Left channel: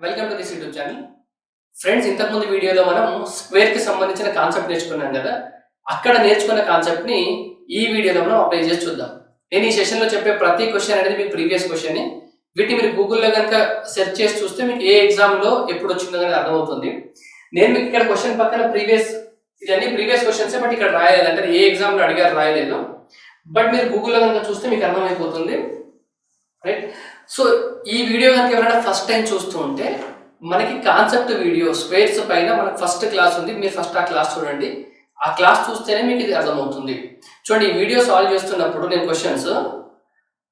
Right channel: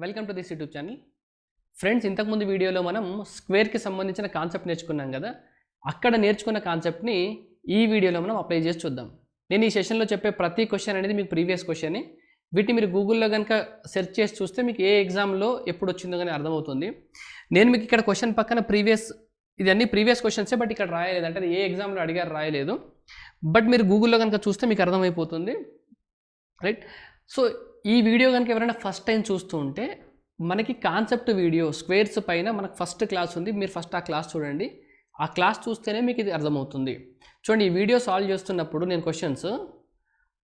Welcome to this YouTube channel. Friends, ఇంతకుముందు వీడియోలో మనం స్క్వేర్కి సంబంధించిన కాన్సెప్ట్ నేర్చుకున్నాం కదా. అక్కడ నేర్చుకున్న కాన్సెప్ట్ని ఈ వీడియోలో మనం అప్లై చేసి చూద్దాం. నేను ఈ సెషన్లో చెప్పే ప్రతి క్వశ్చన్ అనేది మీకు ప్రీవియస్ క్వశ్చన్ని. వీటిని మీరు గూగుల్లో కనుక సెర్చ్ చేసి చూస్తే మీకు ఏ ఎగ్జామ్లో ఎప్పుడు వచ్చిందో అనేది అర్థమవుతుంది. నేను మీకు ఇక్కడ క్వశ్చన్ పక్కన ఇది అన్ని ప్రీవియస్ క్వశ్చన్సే, బట్ ఇక్కడ రాయలేదు, అంటే ఏ ఎగ్జామ్లో అడిగారు రాయలేదు. బట్ మీరు గూగుల్లో కనుక చూస్తే మీకు అర్థమైపోతుంది, రైట్? సో ఈ వీడియో కనుక ఎవరైనా ఫస్ట్ టైం చూస్తూ ఉంటే మనకి కాన్సెప్ట్ వీడియో స్క్వేర్స్ పైన మనకు ఫస్ట్ క్లాస్ ఉంది. మీరు ఫస్ట్ ఆ క్లాస్ చూడండి. ఆ క్లాస్ చూస్తేనే మీకు ఇది అర్థమవుతుంది. చూడండి, ఈ వీడియో సాల్వ్ చేస్తున్నప్పుడు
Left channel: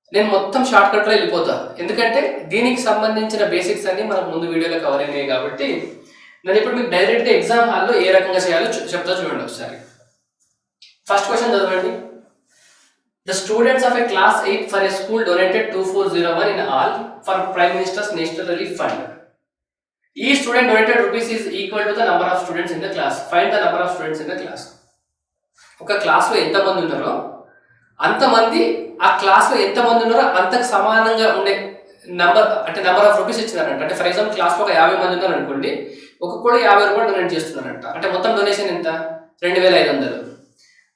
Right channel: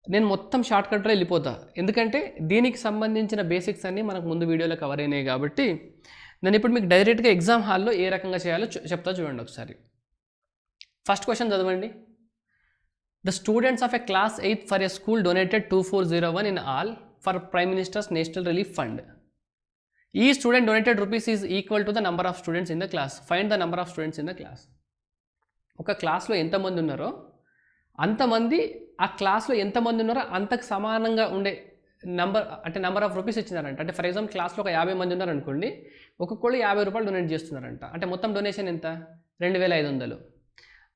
నేను మొత్తం షార్ట్ కట్లో వెళ్ళిపోతా, ఎందుకంటే దీనికి సంబంధించిన బేసిక్స్ అన్ని మనకు ముందు వీడియోలో కవర్ అయినాయి. కాబట్టి నేను ఇప్పుడు మీకు డైరెక్ట్గా ఎగ్జామ్ హాల్లో ఏ రకంగా చేయాలో చెప్తా చూడండి ఒకసారి. ఫస్ట్ క్వశ్చన్ చదవండి. The students of a class 8 for a school donated 2401 in all for Prime Minister's National Relief Fund. Each student donated rupees is equal to the number of students in the class. Find the number of students in the class. ఒక క్లాస్లో ఎంతమంది ఉన్నారో అంతమంది, ఆ క్లాస్లో ఎంతమంది ఉన్నారో అంతకు సమానంగా ఉండే నెంబర్ ఆఫ్ రూపీస్ ఇచ్చినారంట. అంటే ఫర్ ఎగ్జాంపుల్ క్లాస్లో ఒక 50 మంది ఉన్నారు అనుకోండి, ఒక్కొక్కడు 50 రూపాయలు డొనేట్ చేస్తున్నారంట. అంటే మొత్తం డొనేషన్ ఎంత? 2500.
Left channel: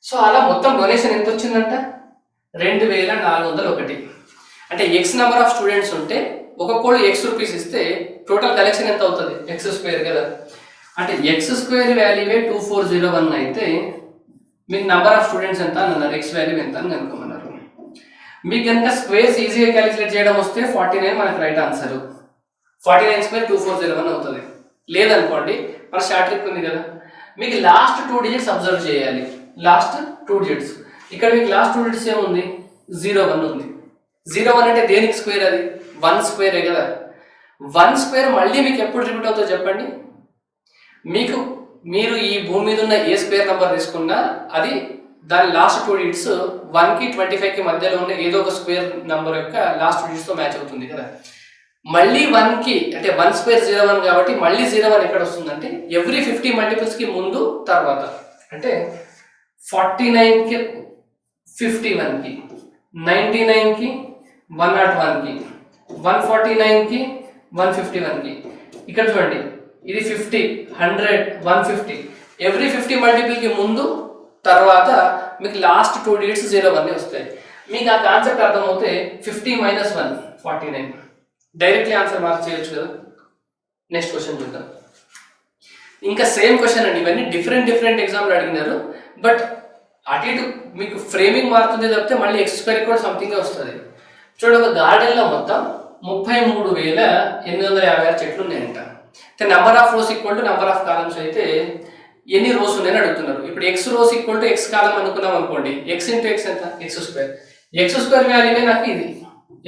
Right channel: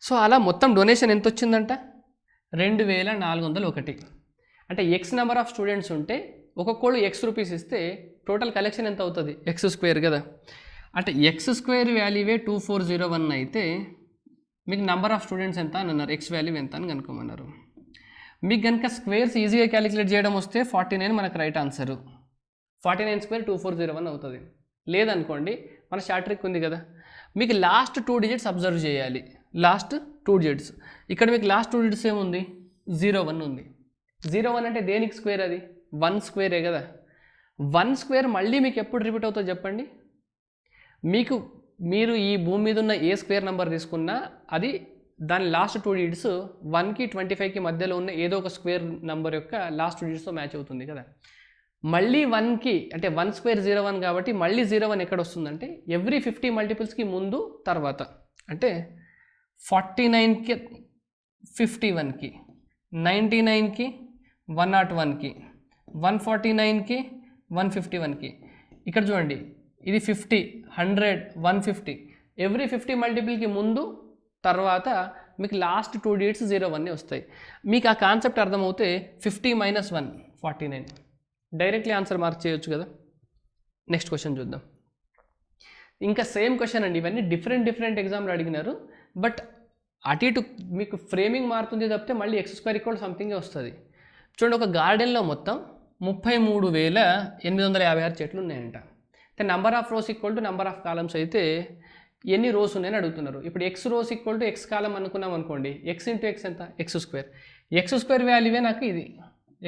సో అలా మొత్తం డొనేషన్ ఎంత వచ్చిందంట? 2401. అంటే ఎక్స్ నెంబర్ ఆఫ్ స్టూడెంట్స్ ఉంటే ఒక్కొక్కడు ఎక్స్ రూపీస్ ఇస్తే టోటల్ కలెక్షన్ ఎంత అవుతుంది? ఎక్స్ స్క్వేర్ కదా. అంటే ఎక్స్ స్క్వేర్ వాల్యూవే 2401 అయితే మీకు నెంబర్ ఆఫ్ స్టూడెంట్స్ ఎంత అని అన్నారు, ఎక్స్ వాల్యూ ఎంత అని కనుక్కోమన్నారు. మీకు కనుక స్క్వేర్స్ ఈజీగా క్యాలిక్యులేట్ చేయడం వస్తే 49 మనకు రైట్ ఆన్సర్. 49 స్క్వేర్ 2401 అవుతుంది. లేదనుకోండి, మన షార్ట్ ట్రిక్ ఉంది కదా, మీకు లాస్ట్ 2 డిజిట్స్ అబ్జర్వ్ చేయాలి. లాస్ట్ 2 డిజిట్స్ ఇక్కడ మీకు లాస్ట్ 2 డిజిట్స్ ఏముంది? 01 ఉంది. 01 అంటే దేనికి స్క్వేర్? అది 1 స్క్వేరే కదా. 1 స్క్వేర్ మళ్ళీ మీకు ఎప్పుడు రిపీట్ అవుతుందో చెప్పండి. మీరు ఈ భూమి మీద ఉన్న ఏ స్క్వేర్ నెంబర్ తీసుకున్నా అది దాని లాస్ట్ 2 డిజిట్స్ 1కి 25కి మధ్యలో ఉన్న ఏదో ఒక స్క్వేర్ నెంబర్ యొక్క లాస్ట్ 2 డిజిట్స్తో మ్యాచ్ అవుతుంది కదా. మళ్ళీ 1కి అంటే 1 స్క్వేర్ 01 కాబట్టి మళ్ళీ 01 ఎక్కడ వస్తుందంటే ఎవ్రీ 50 మల్టిపుల్స్కి ముందు తర్వాత. అంటే 49కి 51కి, 99కి, 101కి, 149కి, 151కి. ఇక్కడ చూడండి, ఇది 50, 100, 150. ఎవ్రీ 50 మల్టిపుల్కి ముందు తర్వాత మీకు లాస్ట్ 2 డిజిట్స్ 01 వస్తాయి. మీకు ఆ కాన్సెప్ట్ అర్థమవుతే 50 - 1 49. డైరెక్ట్లీ ఆన్సర్ మార్క్ చేయొచ్చు కదా. నెక్స్ట్ క్వశ్చన్ చూద్దాం. ఇంకా సేమ్ క్వశ్చన్ అండి. ఇవన్నీ డిఫరెంట్ ఎగ్జామ్లో అడిగినారు, బట్ అటు ఇటు మీకు ఫ్రేమింగ్ మారుతుంది తప్పితే మళ్ళీ ఎక్స్ స్క్వేర్ కూడా సంథింగ్ వస్తుంది. చూడండి, ఒక గార్డెన్లో మొత్తం 33,856 చెట్లు ఉన్నాయంట. అంటే number of rows equal to number of columns అయితే ఎన్ని రోస్ ఉన్నాయని అడుగుతున్నారు. ఇప్పుడు x rows equal to x column అనుకున్నాం అనుకోండి, ఎక్స్ ఇంటూ ఎక్స్ ఎంత? X square. ఎక్స్ స్క్వేర్ వాల్యూనే నాకు ఇది.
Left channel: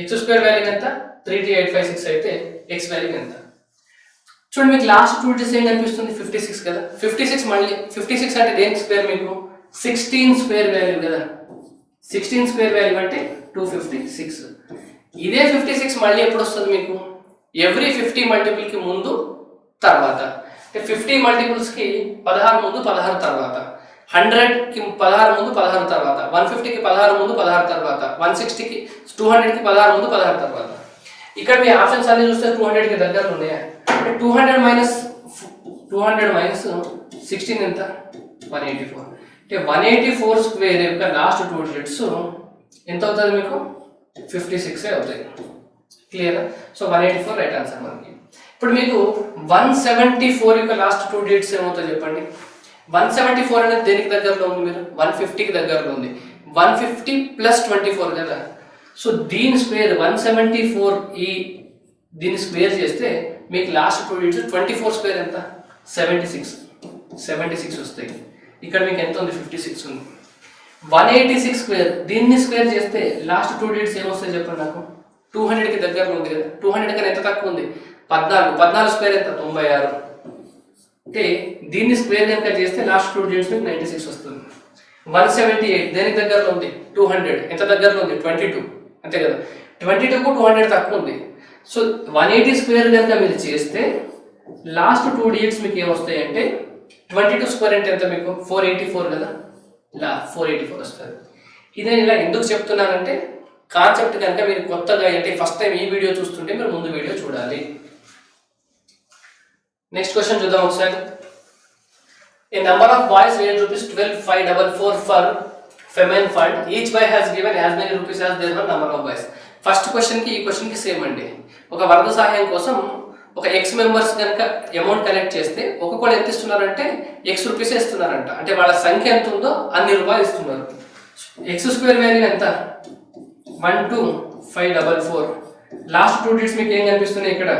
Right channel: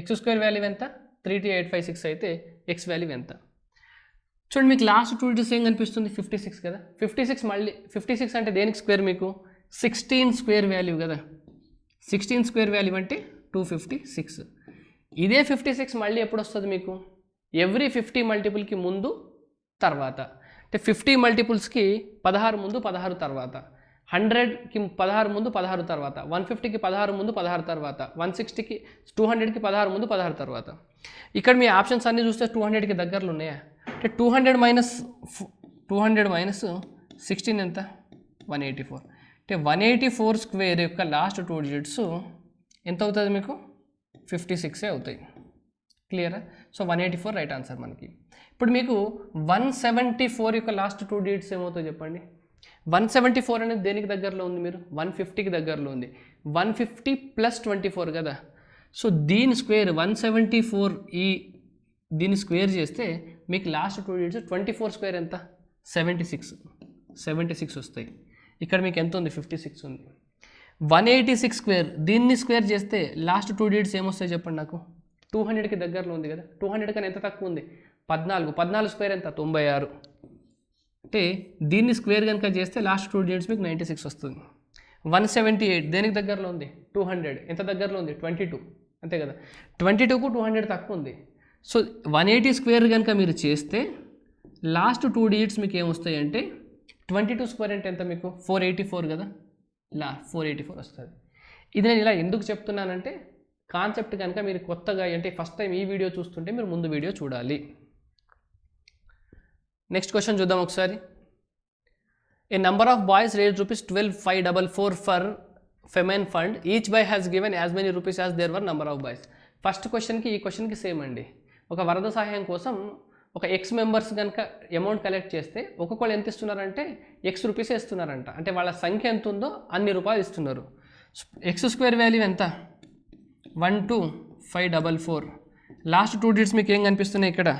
ఎక్స్ స్క్వేర్ వాల్యూ ఎంత? 32856 అయితే ఎక్స్ వాల్యూ ఎంత? చూడండి, మీకు లాస్ట్ 2 డిజిట్స్ ఏం కనిపిస్తుంది? 56 కదా. 56 మళ్ళీ 56 అంటే దేనికి స్క్వేర్? మీకు 16 స్క్వేర్ వాల్యూ కదా. 16 స్క్వేర్ వాల్యూ అంటే 256. ఇదే 56 మళ్ళీ ఎప్పుడు వస్తుంది మీకు? ఎవ్రీ 50 మల్టిపుల్కి ముందు తర్వాత. అంటే 50 మల్టిపుల్స్కి 16 ముందు 16 తర్వాత, 100కి 16 ముందు 16 తర్వాత, 150కి 16 ముందు 16 తర్వాత, 160కి 200కి 16 ముందు 16 తర్వాత. ఇక్కడ మీ ఆప్షన్స్ అన్ని చూస్తే 200కి దగ్గరలో ఉన్నాయా? అంటే 200 మైనస్ 16 ఎంత? 184. అంటే 184 స్క్వేర్ యొక్క లాస్ట్ 2 డిజిట్స్ ఎంత అవుతుంది మీకు? 56 అవుతాయి. క్లియరా? సో 184 రైట్ ఆన్సర్ మనకి. ఇప్పుడు మీకు 174 యొక్క లాస్ట్ 2 డిజిట్స్ ఏమవుతాయి చెప్పండి. 174 అనేది దేనికి దగ్గరలో ఉంది? మీరు 150కి దగ్గరలో ఉంది. 150 + 24 కదా. సో దీని స్క్వేర్ 174, దీని స్క్వేర్ చేస్తే మీకు లాస్ట్ 2 డిజిట్స్ 24 స్క్వేర్ ఎంత? 76 వస్తాయి. ఇక్కడ మీకు ఎంత ఉంది? 56 ఉంది. 186 స్క్వేర్, దీన్ని స్క్వేర్ చేస్తే లాస్ట్ 2 డిజిట్స్ ఏమొస్తాయి చెప్పండి నాకు? 200కి దగ్గరలో ఉంది కదా. 200 కన్నా ఎంత తక్కువ ఉంది? 14 స్క్వేర్ ఎంత? 96. అంటే దీన్ని స్క్వేర్ కనుక చేస్తే లాస్ట్ 2 డిజిట్స్ మీకు 96 వస్తుంది. 178 దేనికి దగ్గరలో ఉంది? 200. ఎంత దగ్గరలో ఉంది? 22. అంతే కదా. 22కు 200 తక్కువ ఉంది. సో 180 స్క్వేర్ కనుక మీరు చేస్తే లాస్ట్ 2 డిజిట్స్ మీకు ఏమొస్తాయి అంటే 22 స్క్వేర్ అంటే ఎంత మీకు? 484 కదా. ఇలా 484 వస్తుంది. ఇది నేను ఇలా ఎందుకు చెప్తున్నానంటే కాన్సెప్ట్ కనుక మీరు కొత్తగా అంటే ఫస్ట్ టైం ఈ వీడియో చూస్తుంటే మీరు ముందు వీడియో చూడాలి. నెక్స్ట్ క్వశ్చన్ చూద్దాం ఒకసారి. A number of boys raised rupees 12,544 for feminine fund. Each boy has given as many rupees as there were number of boys. First క్వశ్చన్కి ఈ క్వశ్చన్కి సేమ్ అండి. ఒక వరద సహాయం కోసం ఒక ఎక్స్ మెంబర్స్ కనుక అమౌంట్ కలెక్ట్ చేస్తే ఒక్కొక్కరు ఎంత ఇస్తున్నారంటే ఎక్స్ రూపీస్ ఇస్తున్నారంట. అంటే వాళ్ళ సంఖ్య ఎంత ఉందో అన్ని రూపాయలు ఇస్తున్నారు. ఎక్స్ స్క్వేర్ వాల్యూ ఎంత? 12,544. లాస్ట్ 2 digits మీకు ఏం కనిపిస్తున్నాయి ఇక్కడ?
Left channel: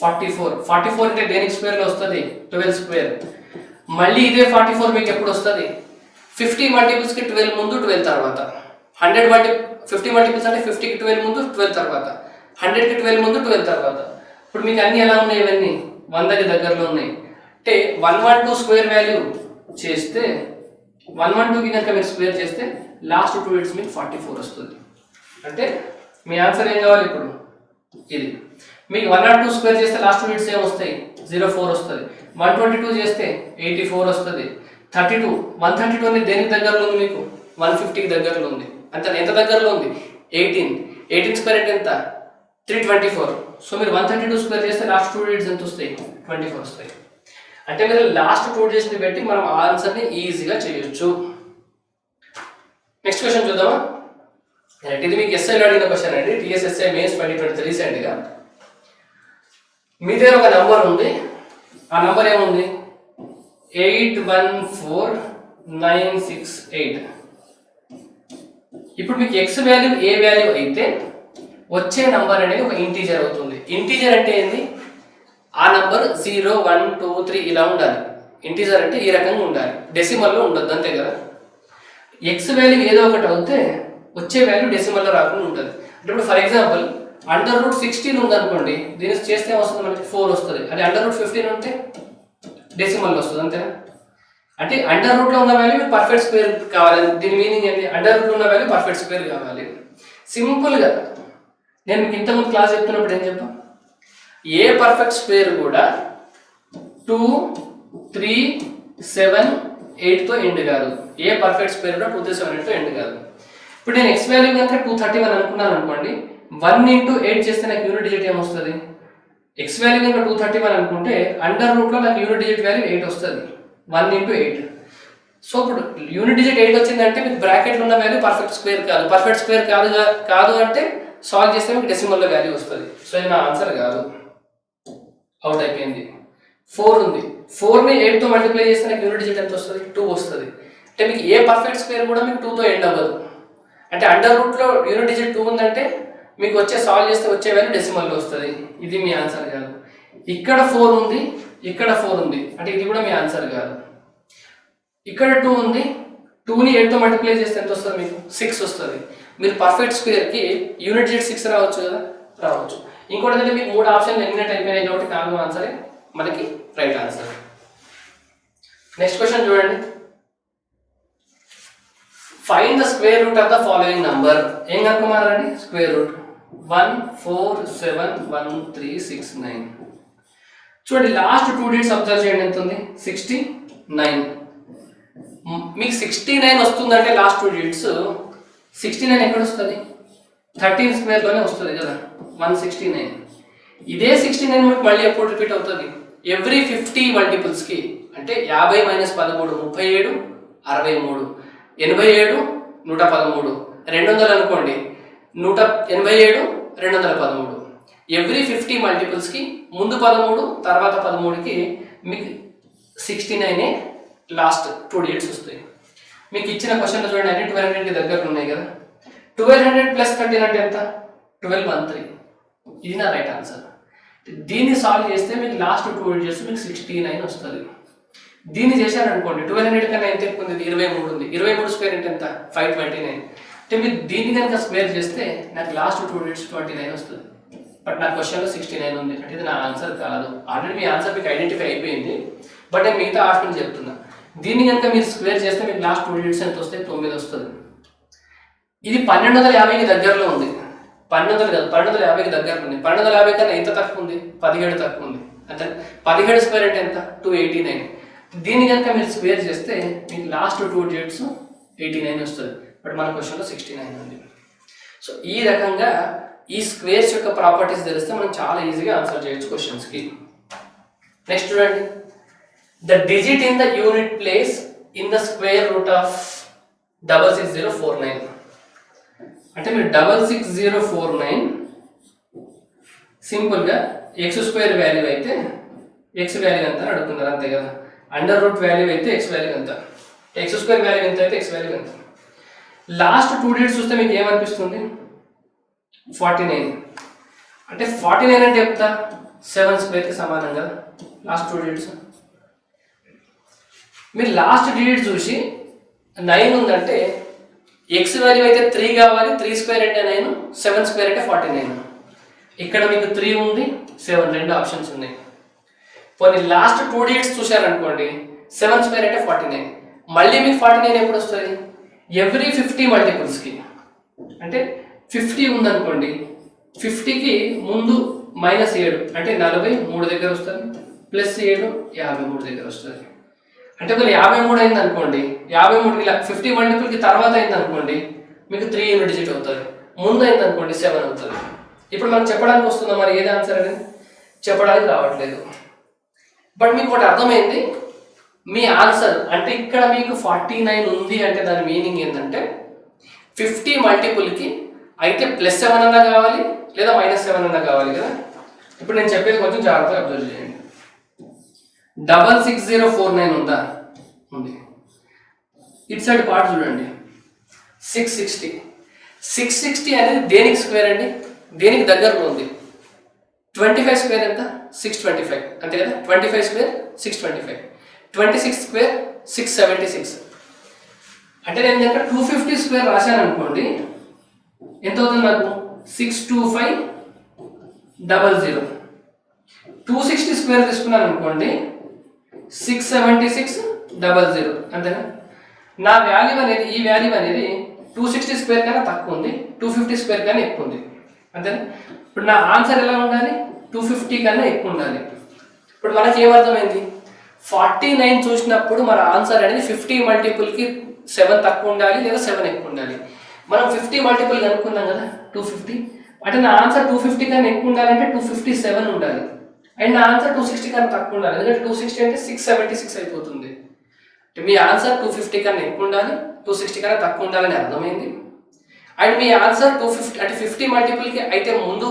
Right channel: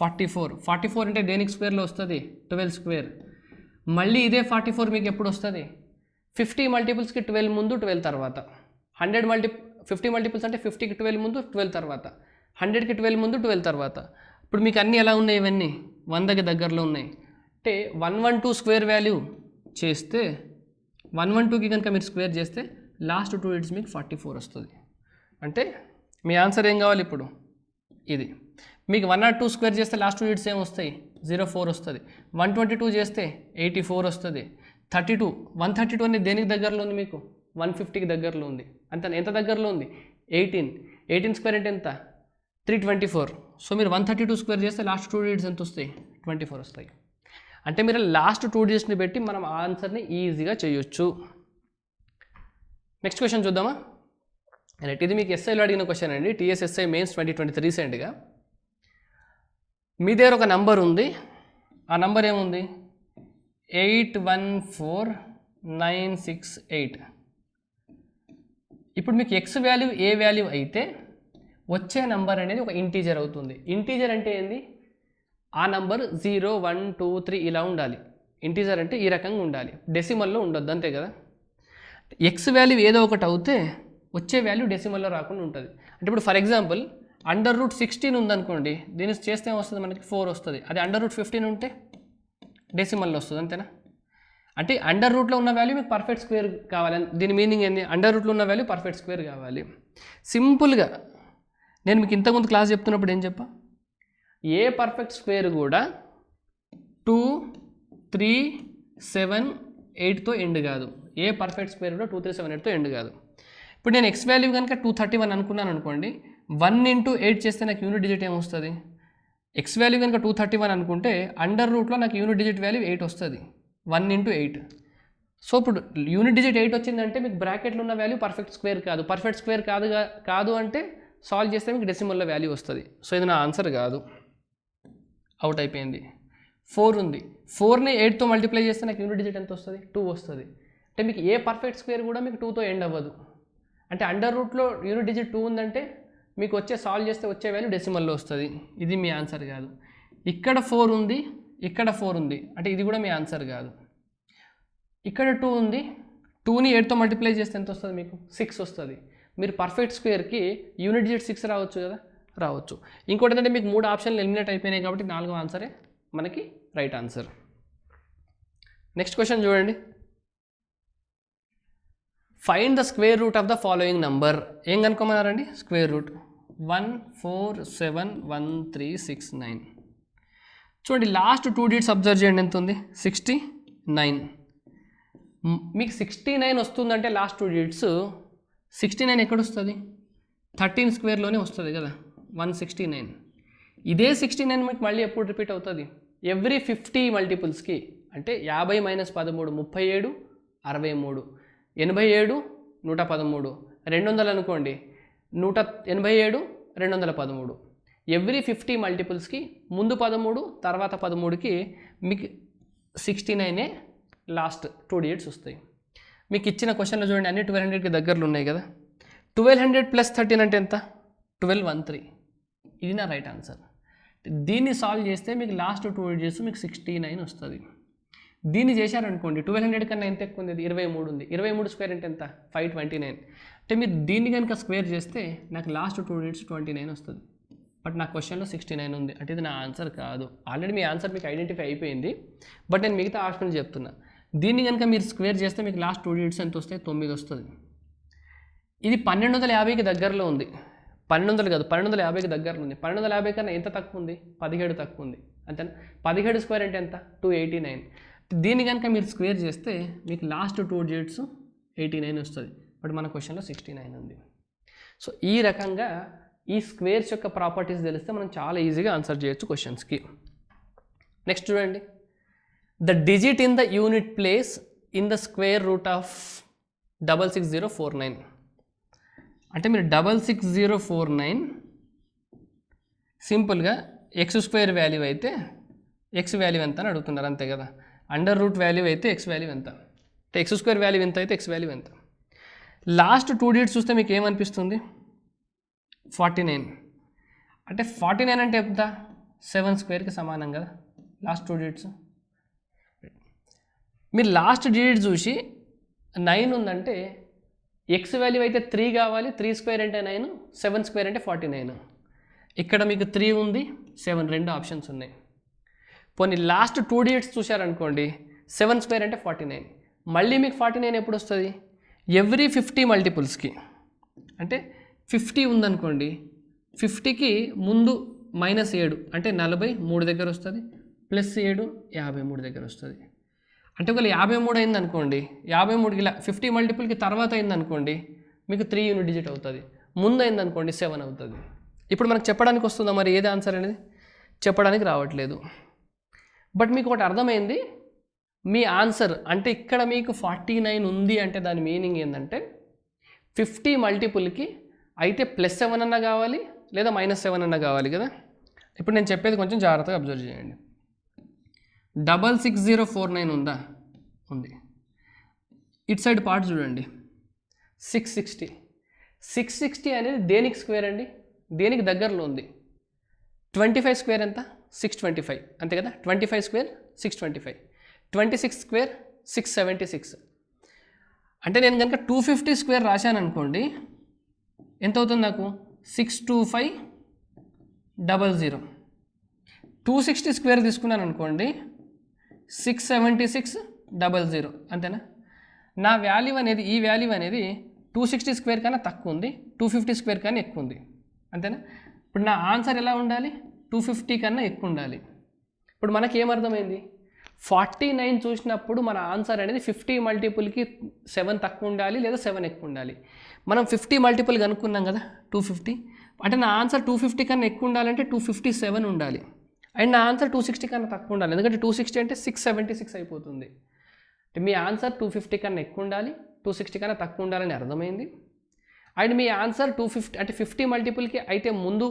44. 44 అంటే దేనికి స్క్వేర్లో వస్తుంది? 12 స్క్వేర్. మళ్ళీ ఇదే 44 మీకు ఎప్పుడు వస్తుంది? 50 మల్టిపుల్స్కి 12 ముందు 12 తర్వాత. 50 మల్టిపుల్స్ అంటే 50కి 12 ముందు 12 తర్వాత, 100కి 12 ముందు 12 తర్వాత. ఇప్పుడు మీకు అన్నీ ఎలా ఉన్నాయి? ఇవన్నీ 100కి దగ్గరలో ఉన్నాయి. అంటే 112 స్క్వేర్ వాల్యూ చేస్తే 112కి కనుక మీరు స్క్వేర్ చేస్తే లాస్ట్ 2 digits మీకు 44 వస్తుంది. అంటే మీ ఆన్సర్ ఏం కావాలి ఇప్పుడు? ఇది. మీకు 102 స్క్వేర్ చేస్తే లాస్ట్ 2 digits ఏం వస్తాయి? 04 వస్తుంది. 122 చేస్తే 84 వస్తుంది. 132 అనేది దేనికి దగ్గరలో ఉంది? మీకు 150కి దగ్గరలో ఉంది. అంతే. ఎంత దగ్గరలో ఉంది? 18 స్క్వేర్ అంటే ఎంత? 324. సో మీరు 132 స్క్వేర్ చేస్తే లాస్ట్ 2 digits ఎంత వస్తాయి? 24 వస్తాయి. అంటే మీరు లాస్ట్ 2 digitsని బట్టి మనం ఆన్సర్ని ఈజీగా చేయొచ్చు. నెక్స్ట్ క్వశ్చన్ చూద్దామా? ఇది మీకు ఎస్ఐలో అడిగిన క్వశ్చన్ అండి. టీఎస్ఎస్ఐ మెయిన్స్ 2023 సైడ్గా. మీ దగ్గర ఒక నంబర్ ఉంది. ఆ నంబర్ ఏముంది? 814968. ఇప్పుడు మీకు ఎక్స్ వాల్యూ ఏ వాల్యూ అయితే వచ్చే నంబర్ అనేది ఒక ఇంటీజర్ అవుతుంది. ఇంటీజర్ అంటే ఏంది? ఆ నంబర్ 0, 1, 2, 3 ఇలా ఉండాలి. ఇంటీజర్ అంటే ఈ రకంగా ఉండాలి, డెసిమల్లో ఉండదు, అంతే కదా. ఎక్స్ వాల్యూ ఏదో ఒకటి అవుతే వచ్చే వాల్యూ డెసిమల్లో రాకుండా ఉంటుంది. అంటే ఇప్పుడు ఫర్ ఎగ్జాంపుల్ √16 ఉందనుకోండి, దీన్ని చేస్తే వస్తుంది మనకి 4 వస్తుంది. అదే √15 ఉంటే డెసిమల్లో వస్తుంది, అంతేనా. అంటే అండర్ రూట్లో ఉన్న వాల్యూ పర్ఫెక్ట్ స్క్వేర్ కావాలి. దీని మీనింగ్ ఏంటి? అండర్ రూట్లో ఉన్న వాల్యూ పర్ఫెక్ట్ స్క్వేర్ కావాలి. సింపుల్గా నేను మీకు ఇంతకుముందు క్లాస్ చెప్తున్నప్పుడు ఏం చెప్పా? ఏ పర్ఫెక్ట్ స్క్వేర్ కూడా 2, 3, 7, 8తో ఎండ్ కాదు. ఏ పర్ఫెక్ట్ స్క్వేర్ కూడా 2, 3, 7, 8తో ఎండ్ కాదు. ఇప్పుడు నేను ఎక్స్ వాల్యూ కనుక 231 అనుకున్నాను అనుకోండి, 1 into 8 చేస్తే నాకు యూనిట్ డిజిట్ ఏమొస్తుంది? ఎక్స్ వాల్యూ కనుక 231 అనుకుంటే అండర్ రూట్లో నాకు యూనిట్ డిజిట్ వాల్యూ 8 వస్తుంది. 1 into 8. సో ఇప్పుడు యూనిట్ డిజిట్ 8 వచ్చిందంటే మీకు బ్రాకెట్లో ఉన్న వాల్యూ పర్ఫెక్ట్ స్క్వేర్ కాదు. పర్ఫెక్ట్ స్క్వేర్ కాదు అంటే సాల్వ్ చేస్తే మీకు డెసిమల్లో వాల్యూ వస్తుంది. సో ఇది నా ఆన్సర్ కాదు, అవుట్ అయిపోయింది. 4 ఉంది. 4ని 8తో మల్టిప్లై చేస్తే నాకు యూనిట్ డిజిట్ ఎంత వస్తుంది? 2 వస్తుంది. అంటే మీకు ఏ పర్ఫెక్ట్ స్క్వేర్ కూడా మీకు 2తో ఎండ్ అవ్వదు. అంటే అండర్ రూట్లో యూనిట్ డిజిట్ 2 ఉందంటే మీకు వచ్చే సాల్వ్ చేస్తే వచ్చే వాల్యూ డెసిమల్లో వస్తుంది. ఇది మీ ఆన్సర్ కాదు. ఇక్కడ 4 ఉంది, ఇక్కడ 4 ఉంది, అంటే ఇది కూడా మీ ఆన్సర్ కాదు. ఇక్కడ 2 ఉంది, 2ని 8తో మల్టిప్లై చేస్తే ఎంత వస్తుంది? మీకు 6 వస్తుంది. మీరు పర్ఫెక్ట్ స్క్వేర్కి యూనిట్ డిజిట్ 6 రావచ్చు కదా, రావచ్చు. ఇంకోటి ఏంటంటే మీకు 3 ఆప్షన్లు ఎలిమినేట్ అయిపోయినాయి కాబట్టి 4వ ఆన్సరే మనకి రైట్ ఆన్సర్. నెక్స్ట్ క్వశ్చన్ చూడండి. Find the square root of the following number. ఏం కనుక్కోమన్నారండి? Square root. 1471369. చూడండి లాస్ట్ 2 digits అబ్జర్వ్ చేయండి, ఎంత ఉంది? 69. మీకు 69 వస్తుందంటే లాస్ట్ 2 digits 69 ఎక్కడ వస్తుంది? 13 స్క్వేర్లోనే వస్తుంది కదా, 169. ఇదే 69 మీకు మళ్ళీ ఎప్పుడు రిపీట్ అవుతుంది? ఎవ్రీ 50 మల్టిపుల్స్కి. అంటే 50 - 13 37, 63, 87, 113, 200 అనుకోండి, 187, 213. ఎవ్రీ 50 మల్టిపుల్స్కి ముందు 13 తర్వాత 13కి మీకు 69 లాస్ట్ 2 digits వస్తాయి. మీకు ఇచ్చిన క్వశ్చన్ చూడండి, అన్ని 1200 దగ్గరలో ఉన్నాయి కదా. 1200 + 13 అంటే ఎంత? 1213. ఇది నా రైట్ ఆన్సర్. దీన్ని సాల్వ్ చేస్తే మీకు లాస్ట్ 2 digits మీకు 69 వస్తుంది. దీన్ని చేశారనుకోండి, 1200 కన్నా ఎంత ఎక్కువ ఉంది? 23 ఉంది. 23 స్క్వేర్ అంటే ఎంత? 529. అంటే మీరు దీన్ని కనుక స్క్వేర్ చేస్తే నాకు లాస్ట్ 2 digits 29 వస్తుంది. బట్ నా క్వశ్చన్లో 69 ఉంది, అంటే ఇది నా ఆన్సర్ కాదు. ఆల్రెడీ మీ ఆన్సర్ మీకు ఐడెంటిఫై అయిపోయింది, బట్ నేను మిగతా ఆప్షన్ చెప్తున్నా. దీన్ని కనుక మీరు స్క్వేర్ చేస్తే మీకు లాస్ట్ 2 digits ఎంత వస్తే? 9 వస్తుంది. ఇది 1250కి దగ్గరలో ఉంది. 1200 కాదు, 1250కి దగ్గరలో ఉంది. 1250 కన్నా ఎంత తక్కువ ఉంది? 17 తక్కువ ఉంది. అంటే 17 స్క్వేర్ అంటే ఎంత? 289. దీన్ని కనుక మీరు స్క్వేర్ చేస్తే మీకు లాస్ట్ 2 digits 89 వస్తుంది. బట్ మన క్వశ్చన్లో 69 ఉంది. సో ఈ రకంగా ఈ స్క్వేర్స్ యొక్క ప్రాపర్టీస్ తెలిస్తే మనం చాలా ఈజీగా ఆన్సర్ చేయొచ్చు క్వశ్చన్స్కి. నెక్స్ట్ చూడండి, the digit in the unit place in the square root of 66049. అంటే మీరు 66049 సింపుల్గా ఎక్స్ స్క్వేర్ వాల్యూ అయితే ఎక్స్ వాల్యూ ఎంత అని అడుగుతున్నారు, అంతే కదా. అండర్ రూట్ వాల్యూ అయితే ఎక్స్ వాల్యూ ఎంత, ఎక్స్ స్క్వేర్ వాల్యూ ఎంత అయితే ఎక్స్ వాల్యూ ఎంత. లాస్ట్ 2 డిజిట్స్ చూస్తే మీకు ఏమనిపిస్తుంది, 49. అంటే 49 అంటే ఎంత, 7 స్క్వేర్కి సమానం కదా లాస్ట్ 2 డిజిట్స్. మీరు లాస్ట్ డిజిట్ చూసి 9 ఉందంటే ఎక్స్ వాల్యూ అయితే 3 కావాలి, 3 స్క్వేర్ అంటే 9, 7 స్క్వేర్ అంటే 49. ఇక్కడ మీకు 3 ఉంది, 7, 2 ఆప్షన్స్ ఉన్నాయి. పోనీ లాస్ట్ 2 డిజిట్స్ చూశారనుకోండి, 7 స్క్వేర్ అంటే 49. మళ్ళీ మీకు 49 ఎప్పుడు వస్తుంది, ఎవ్రీ 50 మల్టిపుల్స్కి. అంటే 50 ఉందనుకోండి, 50కి ముందు -7 అంటే 43 దగ్గర వస్తుంది, +7 53 దగ్గర వస్తుంది. అంటే ఒకవేళ 53 అయింది అనుకోండి, 53 ఇలా 50 మల్టిపుల్కి తర్వాత అయింది అనుకోండి, మీకు 3 యూనిట్ డిజిట్ అవుతుంది. ముందు అయింది అనుకోండి 7 అవుతుంది. ఇప్పుడు మనకు చెప్పడానికి వస్తుందా మరి ఏది ఆన్సర్ అనేది, చెప్పడానికి రావట్లేదు. బట్ మీకు ఒకటి అర్థమైంది, మీ ఆన్సర్ అంటే ఇక్కడ మీకు 49 ఉంది అంటే దాని మీనింగ్ ఏంటంటే 50 మల్టిపుల్కి అయితే +7 అన్నా కావాలి లేదా -7 అన్నా కావాలి కదా. ఇప్పుడు నేను చెప్పేది కొంచెం జాగ్రత్తగా అబ్జర్వ్ చేయండి. 66049 ఉందా, ఉంది. ఇటు సైడ్ పార్ట్ చూడండి, 660 అనేది దేనికి స్క్వేర్ అండి, దేనికి దగ్గరలో ఉంది. 25 స్క్వేర్ ఎంత, 625 అంతే కదా. 25 స్క్వేర్ 625, 26 స్క్వేర్ 676. అంటే నేను దగ్గర 250 స్క్వేర్ రాశాను అనుకోండి, ఎంత అవుతుంది నాకు, 62500. 260 స్క్వేర్ తీసుకున్నాను అనుకోండి, 67600 అంతేనా. నా వాల్యూ అనేది, ఈ వాల్యూ అనేది 260 స్క్వేర్ కన్నా తక్కువ ఉంది, 250 స్క్వేర్ కన్నా ఎక్కువ ఉంది అంతేనా. ఇప్పుడు నా ఆన్సర్ ఎలా ఉండాలి, 250 కన్నా ఎక్కువ ఉండాలి. ఇప్పుడు మనకి ఏమర్థమైంది, 49 చూసినప్పుడు మన ఆన్సర్ అనేది 50 మల్టిపుల్కి 7 తక్కువ ఉండాలి లేదా 7 ఎక్కువ ఉండాలి. మనం 50 మల్టిపుల్ కనుక్కున్నాం కదా, 250. అంటే నా ఆన్సర్ 250 కన్నా ఎక్కువ ఉండాలంటే 257 ఉండాలి. అండ్ నా ఆన్సర్ 260 కన్నా తక్కువ ఉండాలి, ఎందుకంటే 260 అంటే 676 అయిపోతుంది. మీ ఆన్సర్ 250 కన్నా ఎక్కువ ఉండాలి, 260 కన్నా తక్కువ ఉండాలని అర్థమైంది. అండ్ మీ ఆన్సర్ 250 అంటే 50 మల్టిపుల్కి అయితే ముందు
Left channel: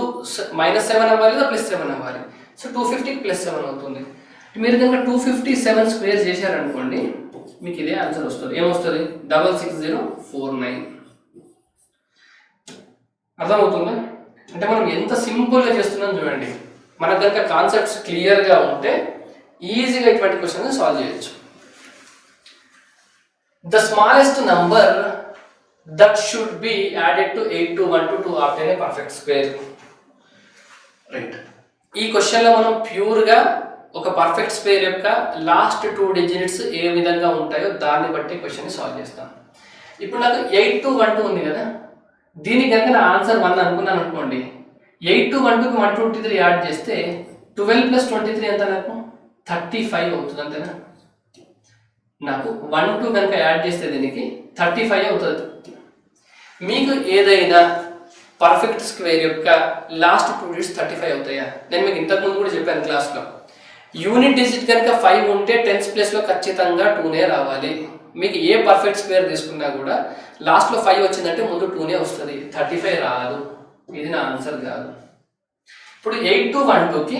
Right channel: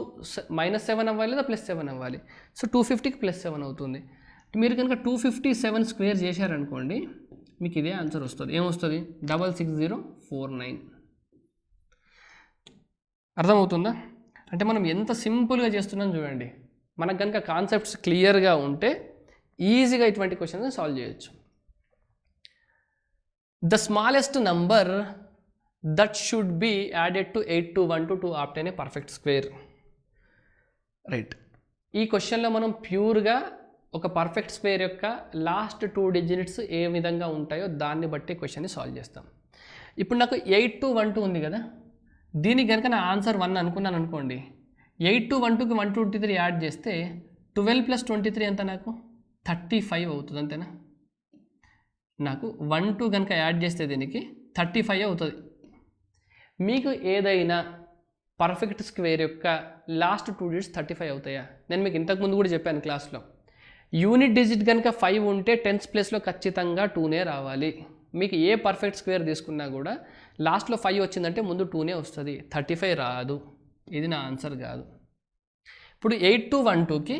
-7 అవ్వాలి లేదా +7 అవ్వాలి. సో 250కి +7 అవుతుంది. మీరు కనుక 257 స్క్వేర్ చేశారనుకోండి, మీకు ఇదే ఆన్సర్ వస్తుంది. ఏమొస్తుంది, 66049. అర్థమవుతుందా. అంటే మనం ఎంత సింపుల్గా చేస్తున్నాం చూడండి. మనకు కనుక కాన్సెప్ట్స్ క్లియర్గా ఉంటే ఈజీగా ఇటువంటి క్వశ్చన్స్ సాల్వ్ చేయొచ్చు. The smallest number that should be added to 8 to 1 to 2 after a perfect square. Right, ఈ క్వశ్చన్లో మనం ప్యూర్గా ఒక పర్ఫెక్ట్ స్క్వేర్ యొక్క లాస్ట్ 2 డిజిట్స్ ఏ విధంగా ఉంటాయో దాన్ని బట్టి క్వశ్చన్ని సాల్వ్ చేస్తాం. ఇప్పుడు నాకు 8 to 1 2 ఉంది కదా, దీనికి కనుక నా ఆన్సర్ 1 అనుకున్నాను అనుకోండి, 8 to 1 2కి 123 యాడ్ చేస్తే 12 + 23 ఎంత, నాకు 35 అవుతుంది అంతేనా. నాకు 1 2 కనుక యాడ్ చేస్తే దీనికి 35 అవుతుంది. మీకు ఏదైనా పర్ఫెక్ట్ స్క్వేర్ యొక్క లాస్ట్ 2 డిజిట్స్ 35 అవుతాయా? నేను మీకు ఇంతకుముందు కూడా చెప్పాను క్లాస్లో, యూనిట్ డిజిట్ కనుక 5 ఉంటే 10th ప్లేస్లో ఖచ్చితంగా 2నే రావాలి. మీకు ఏ పర్ఫెక్ట్ స్క్వేర్ తీసుకున్నా కూడా లాస్ట్లో 5 వచ్చిందంటే ముందు 2నే వస్తుంది, 35 రాదు. ఇది నా ఆన్సర్ కాదు. ఇప్పుడు 8 to 1 2కి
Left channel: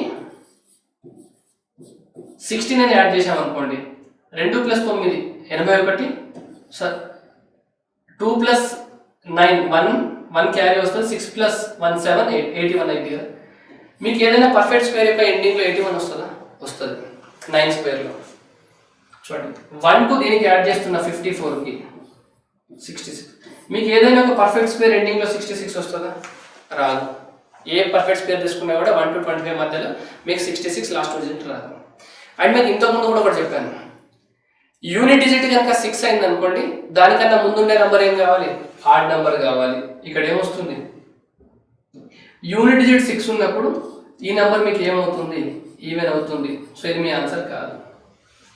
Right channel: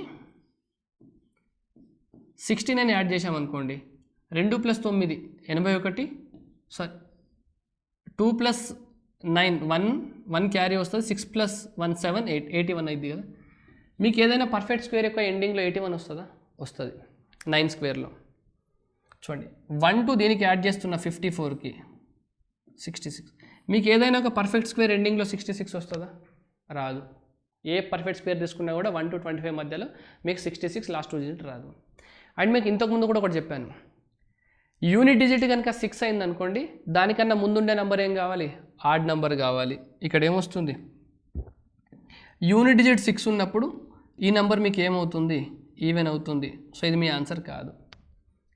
69 యాడ్ చేసామనుకోండి, 2 + 9 81, 2 + 9 1 క్యారీ వస్తుంది, 6 + 1 7 81 అయింది కదా. మీకు ఏదైనా పర్ఫెక్ట్ స్క్వేర్ యొక్క ఎండింగ్లో 81 వస్తుందా? వస్తుంది 9 స్క్వేర్లో. చూడండి, 1 2 దీనికి యాడ్ చేస్తున్న 54కి 66. మీకు ఏదైనా ఒక పర్ఫెక్ట్ స్క్వేర్ ఎండింగ్లో 66 వస్తుందా? రాదు. ఏ పర్ఫెక్ట్ స్క్వేర్ తీసుకున్నా కూడా 1 to 25 మధ్యలో మీకు 66 లాస్ట్ డిజిట్ రాదు. అండ్ మీకు ఇంతకుముందు కూడా ఒకటి చెప్పాను, యూనిట్ డిజిట్ కనుక 6 అయింది అనుకోండి, దానికన్నా ముందుండే నెంబర్ ఏం కావాలి, ఆడ్ నెంబర్ కావాలి. ఇక్కడ ఏమొస్తుంది, యూనిట్ డిజిట్ 6 ఉన్నప్పుడు ఈ నెంబర్ మీకు ఏమవుతుంది, ఈవెన్ అవుతుంది. సో ఇది మీ ఆన్సర్ కాదు.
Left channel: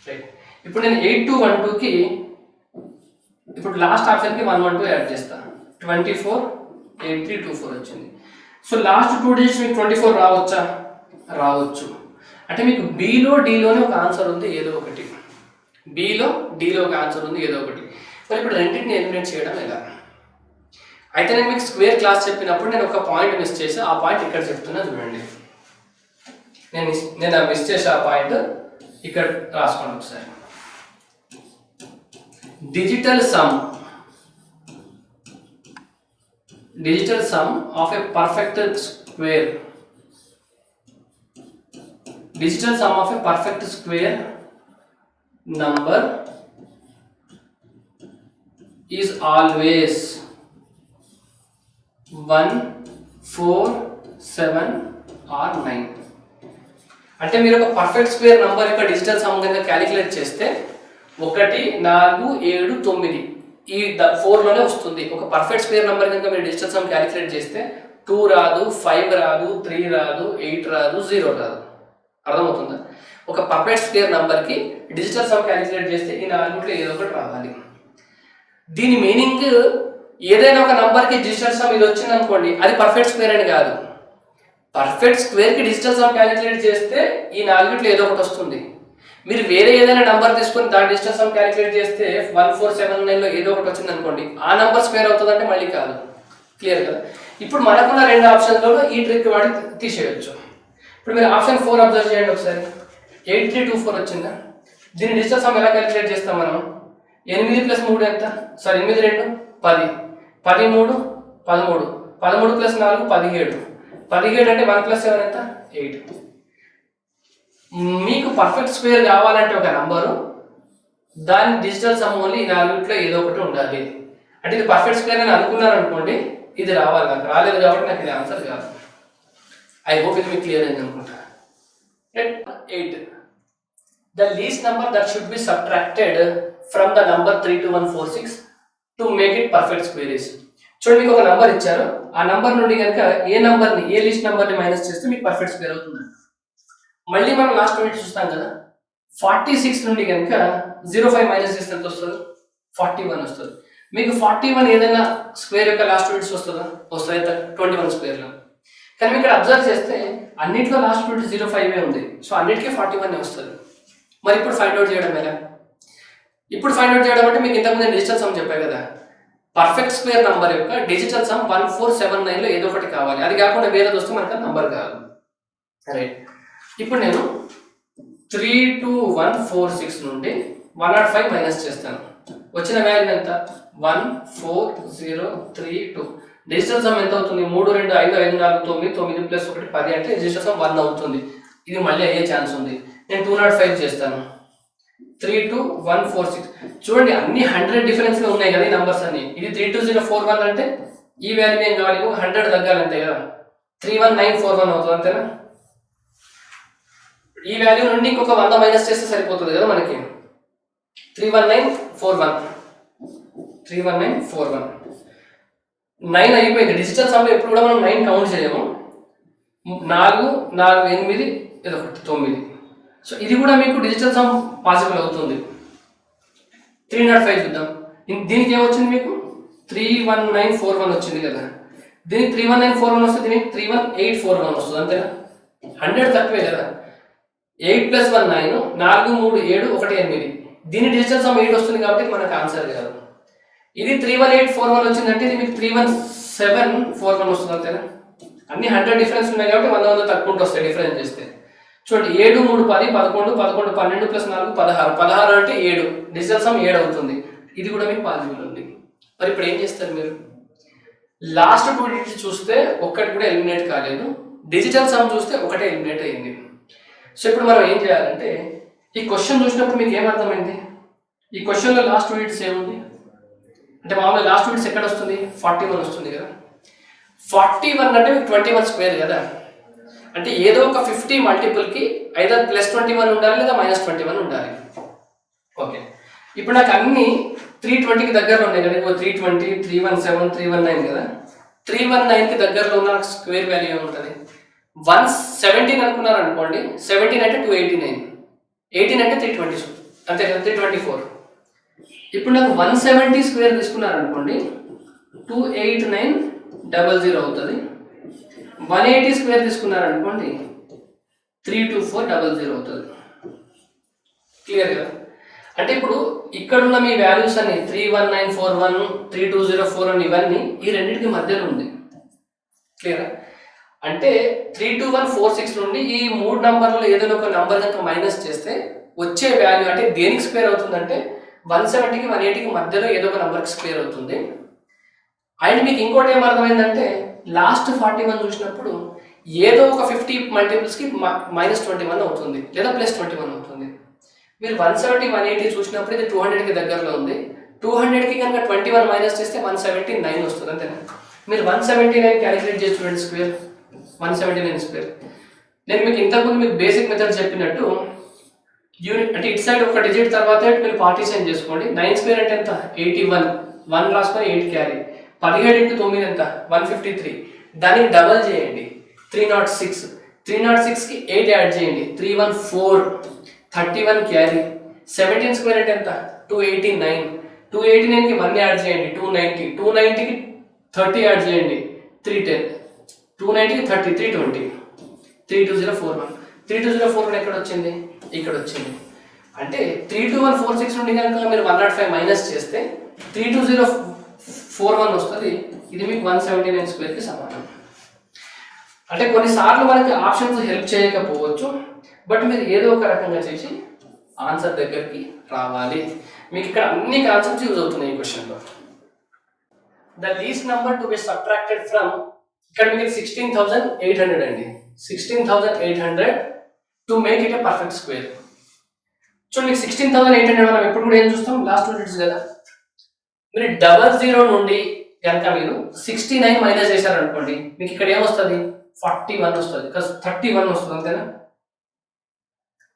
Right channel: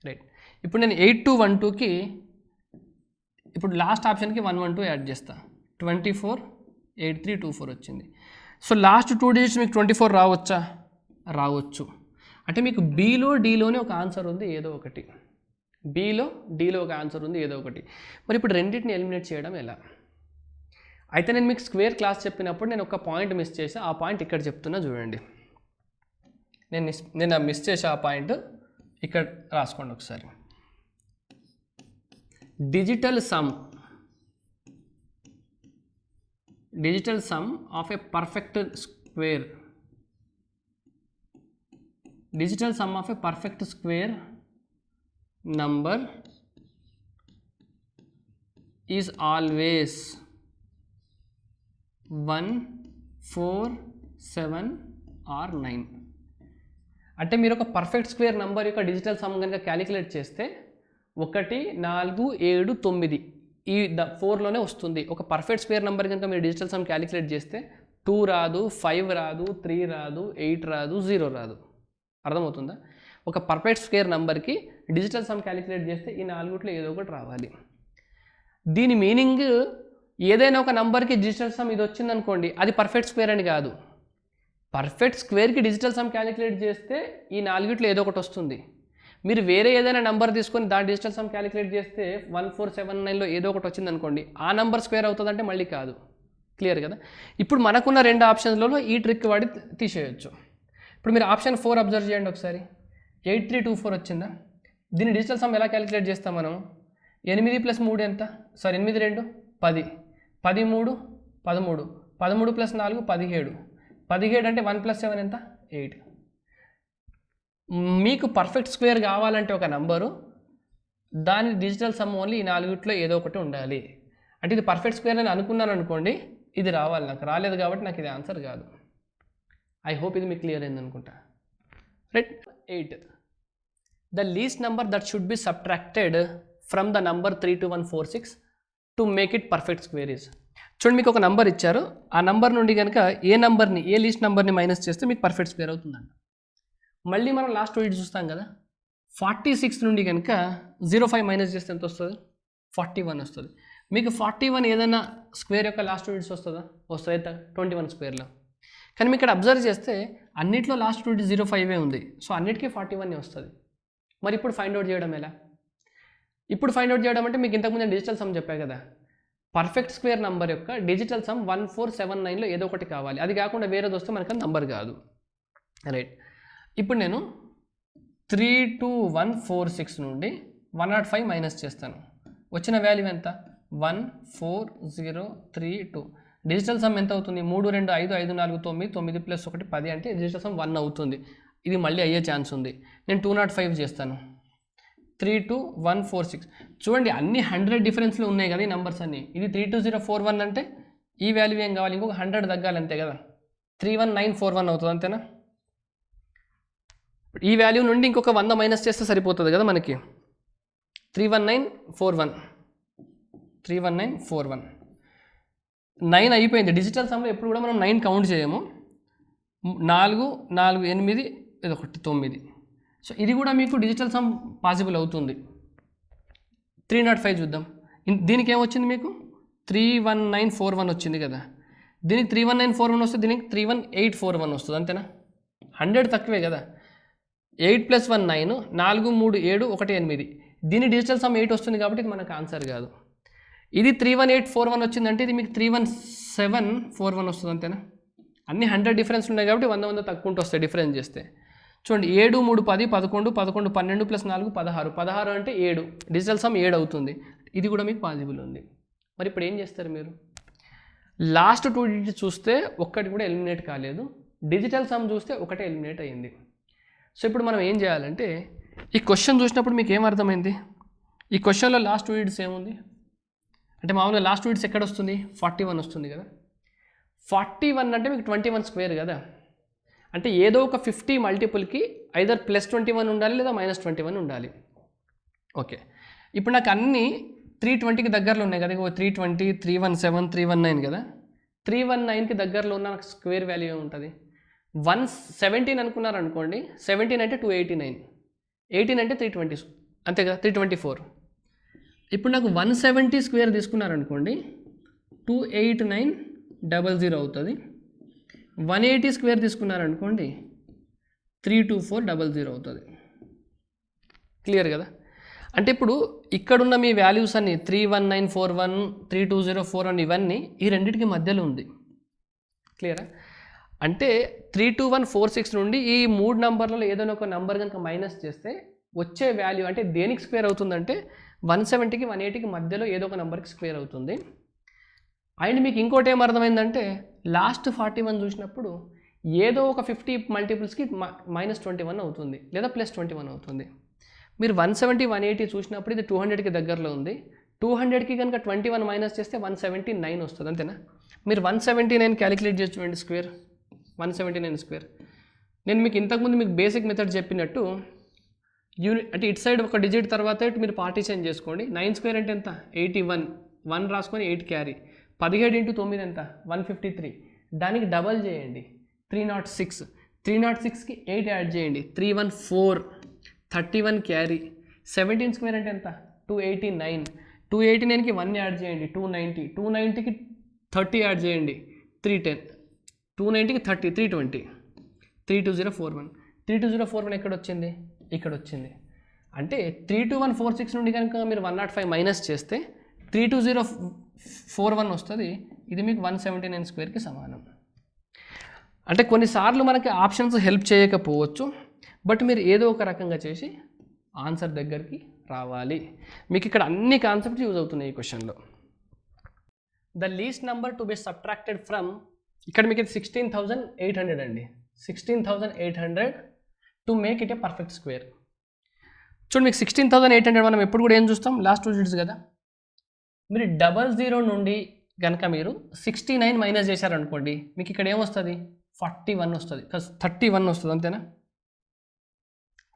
రైట్, ఇప్పుడు నేను 8 to 1 2కి ఇప్పుడు లాస్ట్ ఆప్షన్కి 1 1 2 యాడ్ చేస్తాను, 24 83 24 వచ్చింది. సో లాస్ట్ 2 డిజిట్స్ మీకు 24 రావచ్చా? రావచ్చు. అంటే మీకు బీలో డీలోనే ఒక ఆన్సర్ ఉంది ఏదో ఒకటి, బీలో డీలో ఒక ఆన్సర్ ఉంది ఏదో ఒకటి. మరి ఇప్పుడు రెండింటిని ఎలిమినేట్ చేయడం ఎలా? అయితే నేను మీకు స్క్వేర్ క్లాస్ చెప్పినప్పుడు నేను ఒక పాయింట్ మిస్ చేసి ఆ పాయింట్ ఇక్కడ చెప్తున్నా చూడండి. నేను మిస్ చేసే ఆ పాయింట్ ఇక్కడ రాసుకోండి ఒకసారి. Digital sum of a perfect square, digital sum of a perfect square number is always 1, 4, 7 or 9. అంటే మీరు ఒక పర్ఫెక్ట్ స్క్వేర్ నంబర్ యొక్క డిజిటల్ సమ్ కనుక క్యాలిక్యులేట్ చేస్తే 1, 4, 7, 9 ఈ 4లోనే వస్తుంది. ఒక పర్ఫెక్ట్ స్క్వేర్ నంబర్ కనుక మీరు డిజిటల్ సమ్ క్యాలిక్యులేట్ చేస్తే 2 రాదు, 5 రాదు, 3 రాదు, 8 రాదు, 0 రాదు. అర్థమవుతుందా? ఒక పర్ఫెక్ట్ స్క్వేర్ నంబర్కి డిజిటల్ సమ్ క్యాలిక్యులేట్ చేస్తే ఈ 4లో ఏదో ఒకటి రావాలి. దీని మీనింగ్ ఏదైనా ఒక నంబర్కి డిజిటల్ సమ్ ఇది వచ్చింది అనుకోండి, అది పర్ఫెక్ట్ స్క్వేర్ అని కాదు. పర్ఫెక్ట్ స్క్వేర్కి డిజిటల్ సమ్ క్యాలిక్యులేట్ చేస్తే ఈ 4లో ఏదో ఒకటి వస్తుంది. మీరు వేరే ఏదైనా నంబర్ తీసుకొని దాని డిజిటల్ సమ్ క్యాలిక్యులేట్ చేస్తే 1, 4, 7, 9లో ఏదో ఒకటి వచ్చింది అనుకోండి, ఆ నంబర్ స్క్వేర్ అవుతుందంటే మళ్ళీ కాదు. క్లియర్ కదా? ఇప్పుడు మనకున్న 2 ఆప్షన్లలో ఈ ట్రిక్ వాడి తీసేయచ్చు. ఇప్పుడు మీరు ఆప్షన్ 4 అబ్జర్వ్ చేయండి ఒకసారి. 8324 వచ్చిందా? దీని డిజిటల్ సమ్ ఎలా క్యాలిక్యులేట్ చేస్తాం మనం? 8 + 3 ఎంత? సారీ 8, 2, 10, 10, 3, 13, 13 + 4, 17, 17 అంటే 1 + 7 ఎంత? 8. మీకు పర్ఫెక్ట్ స్క్వేర్ కావాలంటే ఒక నంబరు, దాని డిజిటల్ సమ్ ఓన్లీ ఈ 4లో ఏదో ఒకటి ఉండాలి. అంటే ఇది పర్ఫెక్ట్ స్క్వేర్ అని అనుకున్నాను అనుకోండి, ఇది రావాలి. నాకు రాలేదు కాబట్టి నాకు ఇది ఆన్సర్ కాదు. ఐ హోప్ ఇది మీకు క్లియర్ అయింది అనుకుంటా. Right. 8. The least number that should be subtracted from the number 32146 to make it perfect square is. చూడండి, మీకు ఒక నంబర్ ఇచ్చారు. ఆ నంబర్ నుండి కనుక ఏ లీస్ట్ నంబర్ని మైనస్ చేస్తే మీకు పర్ఫెక్ట్ స్క్వేర్ అవుతుందండి. మళ్ళీ మనం లాస్ట్ వీడియో చూస్తాం కదా, 46 నుండి కనుక 05 మైనస్ చేస్తే ఎంత వస్తుంది? 41 వస్తుంది. మీకు 41 ఏదైనా స్క్వేర్ యొక్క లాస్ట్ వీడియోస్ వస్తుంది 21 స్క్వేర్లో. కానీ ఇక్కడ అబ్జర్వ్ చేస్తే అన్నింటిలో లాస్ట్ రూట్ 05 ఉంది. సో అన్నిటికీ 41 వస్తుంది. మరి ఇప్పుడు ఫైండ్ అవుట్ చేయడం ఎలా? ఇప్పుడు ఫైండ్ అవుట్ చేయడం అంటే మీకు ఇంతకుముందు డిజిటల్ సమ్ చెప్పాయి కదా, పర్ఫెక్ట్ స్క్వేర్ నంబర్ యొక్క డిజిటల్ సమ్ 1479లో ఏదో ఒకటి కావాలి. అది కాకుండా వేరేది వస్తే మనకు నంబర్ కాదు. రైట్. ఇప్పుడు నేను 32146 నుండి 105 మైనస్ చేస్తాను. వచ్చిన వాల్యూ ఎంత? 14032. డిజిటల్ సమ్ ఎంత అవుతుంది? 3, 2, 5, 5, 4, 9, 9 + 1 10 అంటే డిజిటల్ సమ్ 1 అవుతుంది. ఇది మళ్ళీ అయ్యే ఛాన్స్ ఉంది. నేను 205 చేస్తాను. 32146. చూడండి, అన్ని 100 డిఫరెన్స్లో ఉన్నాయి కదా ఈ నంబర్స్ అన్ని. ఇది 32041 అంటే ఈ వాల్యూ ఏం కావాలి? 100 తగ్గాలంతే కదా. 31941 అవుతుంది, అంతేనా? ఈ వాల్యూ నుండి ఇంకొక 100 మైనస్ చేస్తే సరిపోతుంది కదా మనకి. 31941 9 అయిపోయింది. డిజిటల్ సమ్ ఎప్పుడు కూడా మనం 9 కౌంట్ చేయము. 4, 4, 8, 9. సో ఇది కూడా మీకు డిజిటల్ సమ్ పాసిబుల్ అవుతుంది. 305 చూద్దాం. దీనికి ఏమొచ్చింది మీకు? 31941 వచ్చింది కదా. దీనికి 31941 వస్తుంది, దీనికి 31841 వస్తుంది, అంతేనా? 100 తక్కువే కదా. 8 + 1 9, 4, 3, 7, 1, 8. దీని డిజిటల్ సమ్ 8 వస్తుంది కాబట్టి ఇది మనకు ఆన్సర్ కాదు. ఇది 31841 వచ్చిందంటే ఇది మీకు 31741 వస్తుంది, అంతేనా? అన్ని 100 డిఫరెన్స్ ఉన్నాయి కాబట్టి 100 తక్కువ వస్తాయి డిఫరెన్స్ చేస్తే. చూడండి, 7, 3, 10, 11, 11, 12 + 4, 16. 16 అంటే 7. డిజిటల్ సమ్ 7 అవుతుంది. ఇది కూడా మీకు పాసిబుల్ ఉంది. మరి ఇప్పుడు ఏం చేస్తారు మీరు? లాస్ట్ 2 డిజిట్స్ చూస్తే ఒక్కటి కూడా ఎలిమినేట్ కాలేదు. డిజిటల్ సమ్ చూస్తే ఒకటే ఎలిమినేట్ అయింది. సో ఇప్పుడు మనం ఏం చేయాలంటే, ఈ క్వశ్చన్ చూసినప్పుడు మీకు ఏమర్థమైంది? ఈ క్వశ్చన్లో లాస్ట్ 2 డిజిట్స్ ఏముంది అంటే, మామూలుగా లాస్ట్ 2 డిజిట్స్ ఎక్కడ వస్తుంది? 41 వస్తుంది కదా. 41 అంటే మీకు 21 స్క్వేర్ కదా. అంటే ఏదో ఒక 50 మల్టిపుల్కి ఐదర్ +21 ఉండాలి లేదా -21 ఉండాలి. ఓకే, ఇప్పుడు నాకు అన్ని 320కి దగ్గరలో ఉన్నాయి కదా. 320, 317, 319 కదా. 319కి దగ్గరలో ఉన్న స్క్వేర్ వాల్యూ ఏముంటుంది? 117 అనుకున్నారు అనుకోండి. 17 అంటే 289, 18 అంటే 320 అంతే కదా, 324. ఇప్పుడు నాకు 170 స్క్వేర్ తీసుకున్నారు అనుకోండి, 28900 అవుతుంది. 180 స్క్వేర్ తీసుకున్నారు అనుకోండి, 32400 అవుతుంది. క్లియర్ కదా? అంటే ఇప్పుడు ఇక్కడున్న మీ వాల్యూస్ అని 31941 3204 ఇవన్నీ ఈ రెండింటికి మధ్యలో ఉంది. క్లియరా? అంటే 32146 నుండి ఈ 3 నంబర్లలో ఏదైనా ఒక నంబర్ కనుక మైనస్ చేస్తే వచ్చే వాల్యూ అంటే దేనికి స్క్వేర్ అవుతుందంటే 170కి 180కి మధ్యలో ఏదో ఒక నంబర్కి స్క్వేర్ అవుతుంది. అండ్ మీకు ఇంకోటి ఏం అర్థమైందంటే లాస్ట్ 41 చూసినప్పుడు ఏదో ఒక 50 మల్టిపుల్స్కి -21 అవుతుంది లేదా +21 అవుతుంది. మీరు 170 180 చూసినప్పుడు ఇది 200కి దగ్గరలో ఉంది. 200కి కనుక 21 మైనస్ చేస్తే 179 వస్తుంది, అంతేనా? మీరు 179 క్యాలిక్యులేట్ చేసి చూడండి స్క్వేర్, 179 స్క్వేర్. నేను మీకు ఇంతకుముందు మీకు బేసిక్ మెథడ్ చెప్పినట్టు యూనిట్ అంటే ఇటు సైడ్ ఒక డిజిట్ తర్వాత మీరు పార్టీషన్ చేసుకోండి. 9 స్క్వేర్ అంటే ఎంత? 81. 1 రాసుకొని 8 క్యారీ. 17 × 9 ఎంత? 153. దానికి డబల్ చేయండి 306. 306కి 8 యాడ్ చేయండి 314. 31 క్యారీ. 17 స్క్వేర్ అంటే ఎంత? 289. 289కి 1 యాడ్ చేయండి 290. 290కి 30 యాడ్ చేయండి 310. 290కి 30 320. 32041. 32041 ఎక్కడ వచ్చింది? ఇక్కడ వచ్చింది. అంటే 32146 నుండి కనుక మీరు 105 మైనస్ చేస్తే 32041 వస్తుంది. ఇది మీకు 179 స్క్వేర్కి సమానం. అంటే కొన్నిసార్లు మనకి ఆప్షన్స్ హెల్ప్ చేయకపోవచ్చు, బట్ మీరు ఏదో ఒక రకంగా చేసి ఆన్సర్ దగ్గరికి రావాలి. మీకు ఇక్కడ అన్ని కాన్సెప్ట్స్ యూజ్ అవుతున్నాయి ఈ క్వశ్చన్లో. The least number to be subtracted from, ఇక్కడ మీకు 16,800 అండి. 16,800 to make it a perfect square. చూడండి, మీకు 16,800 మనం ఎప్పుడు కూడా ఏం చూస్తాం? లాస్ట్ 2 డిజిట్స్ కదా. మీరు 00 నుండి కనుక మీరు 69 మైనస్ చేశారనుకోండి, మీకు ఇక్కడ ఏమొస్తుంది? 41 వస్తుంది. 31 వస్తుంది, అంతేనా?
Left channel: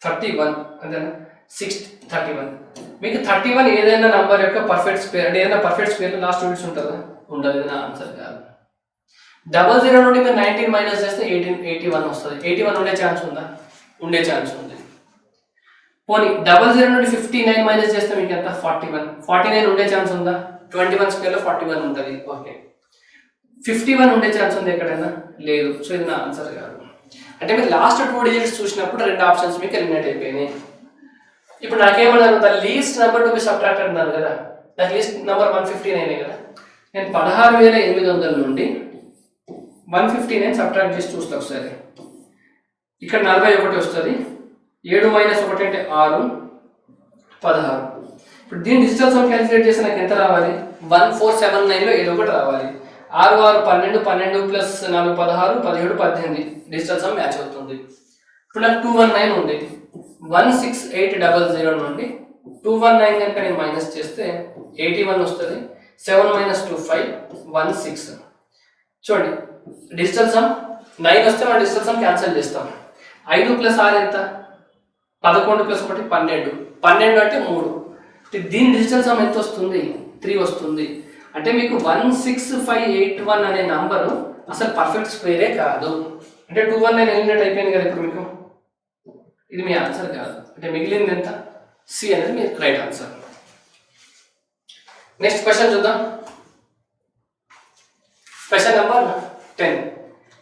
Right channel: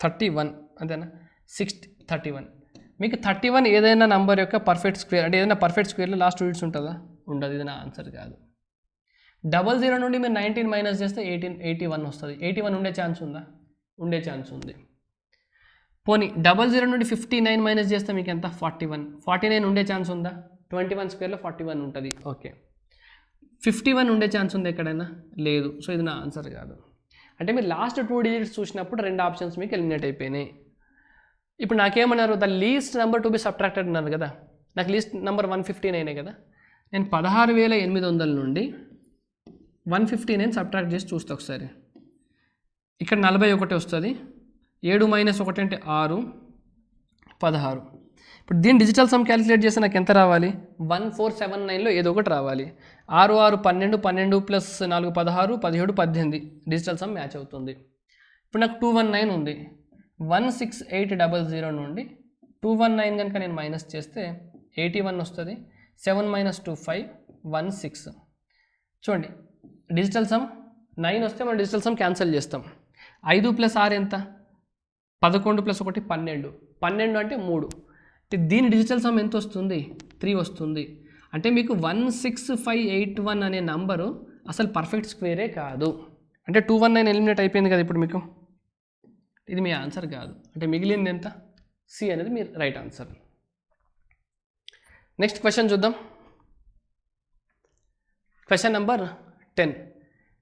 31 అంతేనా? 31. మీకు 31 ఏదైనా నంబర్ యొక్క పర్ఫెక్ట్ స్క్వేర్ అంటే ఏదైనా పర్ఫెక్ట్ స్క్వేర్ లాస్ట్ డిజిట్స్ ఉంటుందా? ఉండదు. నా ఆన్సర్ కాదు. 00 నుండి మీరు 19 మైనస్ చేస్తే 81 వస్తుంది. 81 ఉండే ఛాన్స్ ఉందా? ఉండే ఛాన్స్ ఉంది. పోనీ 00 నుండి 59 మైనస్ చేస్తే మీకు ఎంత? 41. 49 ఉండే ఛాన్స్ ఉందా? 21 స్క్వేర్లో 41 ఉంటుంది. ఓకే. 51 ఉండే ఛాన్స్ ఉంది ఎక్కడైనా? లేదు. సో ఇది నా ఆన్సర్ కాదు. అంటే మీరు లాస్ట్ 2 డిజిట్స్ చూసినప్పుడు 2 ఆప్షన్స్ మీకు ఎలిమినేట్ అయిపోయినాయి. ఇప్పుడు నాకేమన్నారు? The least number to be subtracted అన్నారు కదా. నాకు లీస్ట్ నెంబర్ 159 కదా. నేను 16,800 నుండి 159 సబ్ట్రాక్ట్ చేసి చూస్తా ఒకసారి. ఇక్కడ 41 వస్తుంది. 7 మైనస్ 1 అంటే 6, 16. ఇప్పుడు దీన్ని డిజిటల్ సమ్ క్యాలిక్యులేట్ చేస్తే నాకు ఎంత రావాలి? 1479లో ఏదో ఒకటి రావాలి. 6 6 12, 12 ప్లస్ 4 16, 17 18 డిజిటల్ సమ్ మ్యాచ్ అవుతుంది. ఇప్పుడు నాకు 219 ఉంది. 16800 నుండి 219 కనుక నేను మైనస్ చేస్తే 81 వస్తుంది. 7 మైనస్ 2 5, 16. చూడండి, డిజిటల్ సమ్ 9 వస్తే మనం డిజిటల్ సమ్ క్యాన్సిల్ చేస్తాం. 5 ప్లస్ 6 ఎంత? 11 ప్లస్ 1 12. 12 అంటే 3. దీని డిజిటల్ సమ్ ఎంత వస్తుంది? 3 వస్తుంది. అంటే మీకు 16581 అనే నంబరు అసలు పర్ఫెక్ట్ స్క్వేరే కాదు. అంటే 219 ఎలిమినేట్ అయిపోయింది కదా ఇప్పుడు మీకు. ఇది మీ ఆన్సర్ కాదు. అంటే మిగిలింది ఎంత? సి అనేది మీ రైట్ ఆన్సర్. నెక్స్ట్ క్వశ్చన్ చూద్దాం. Question number 10.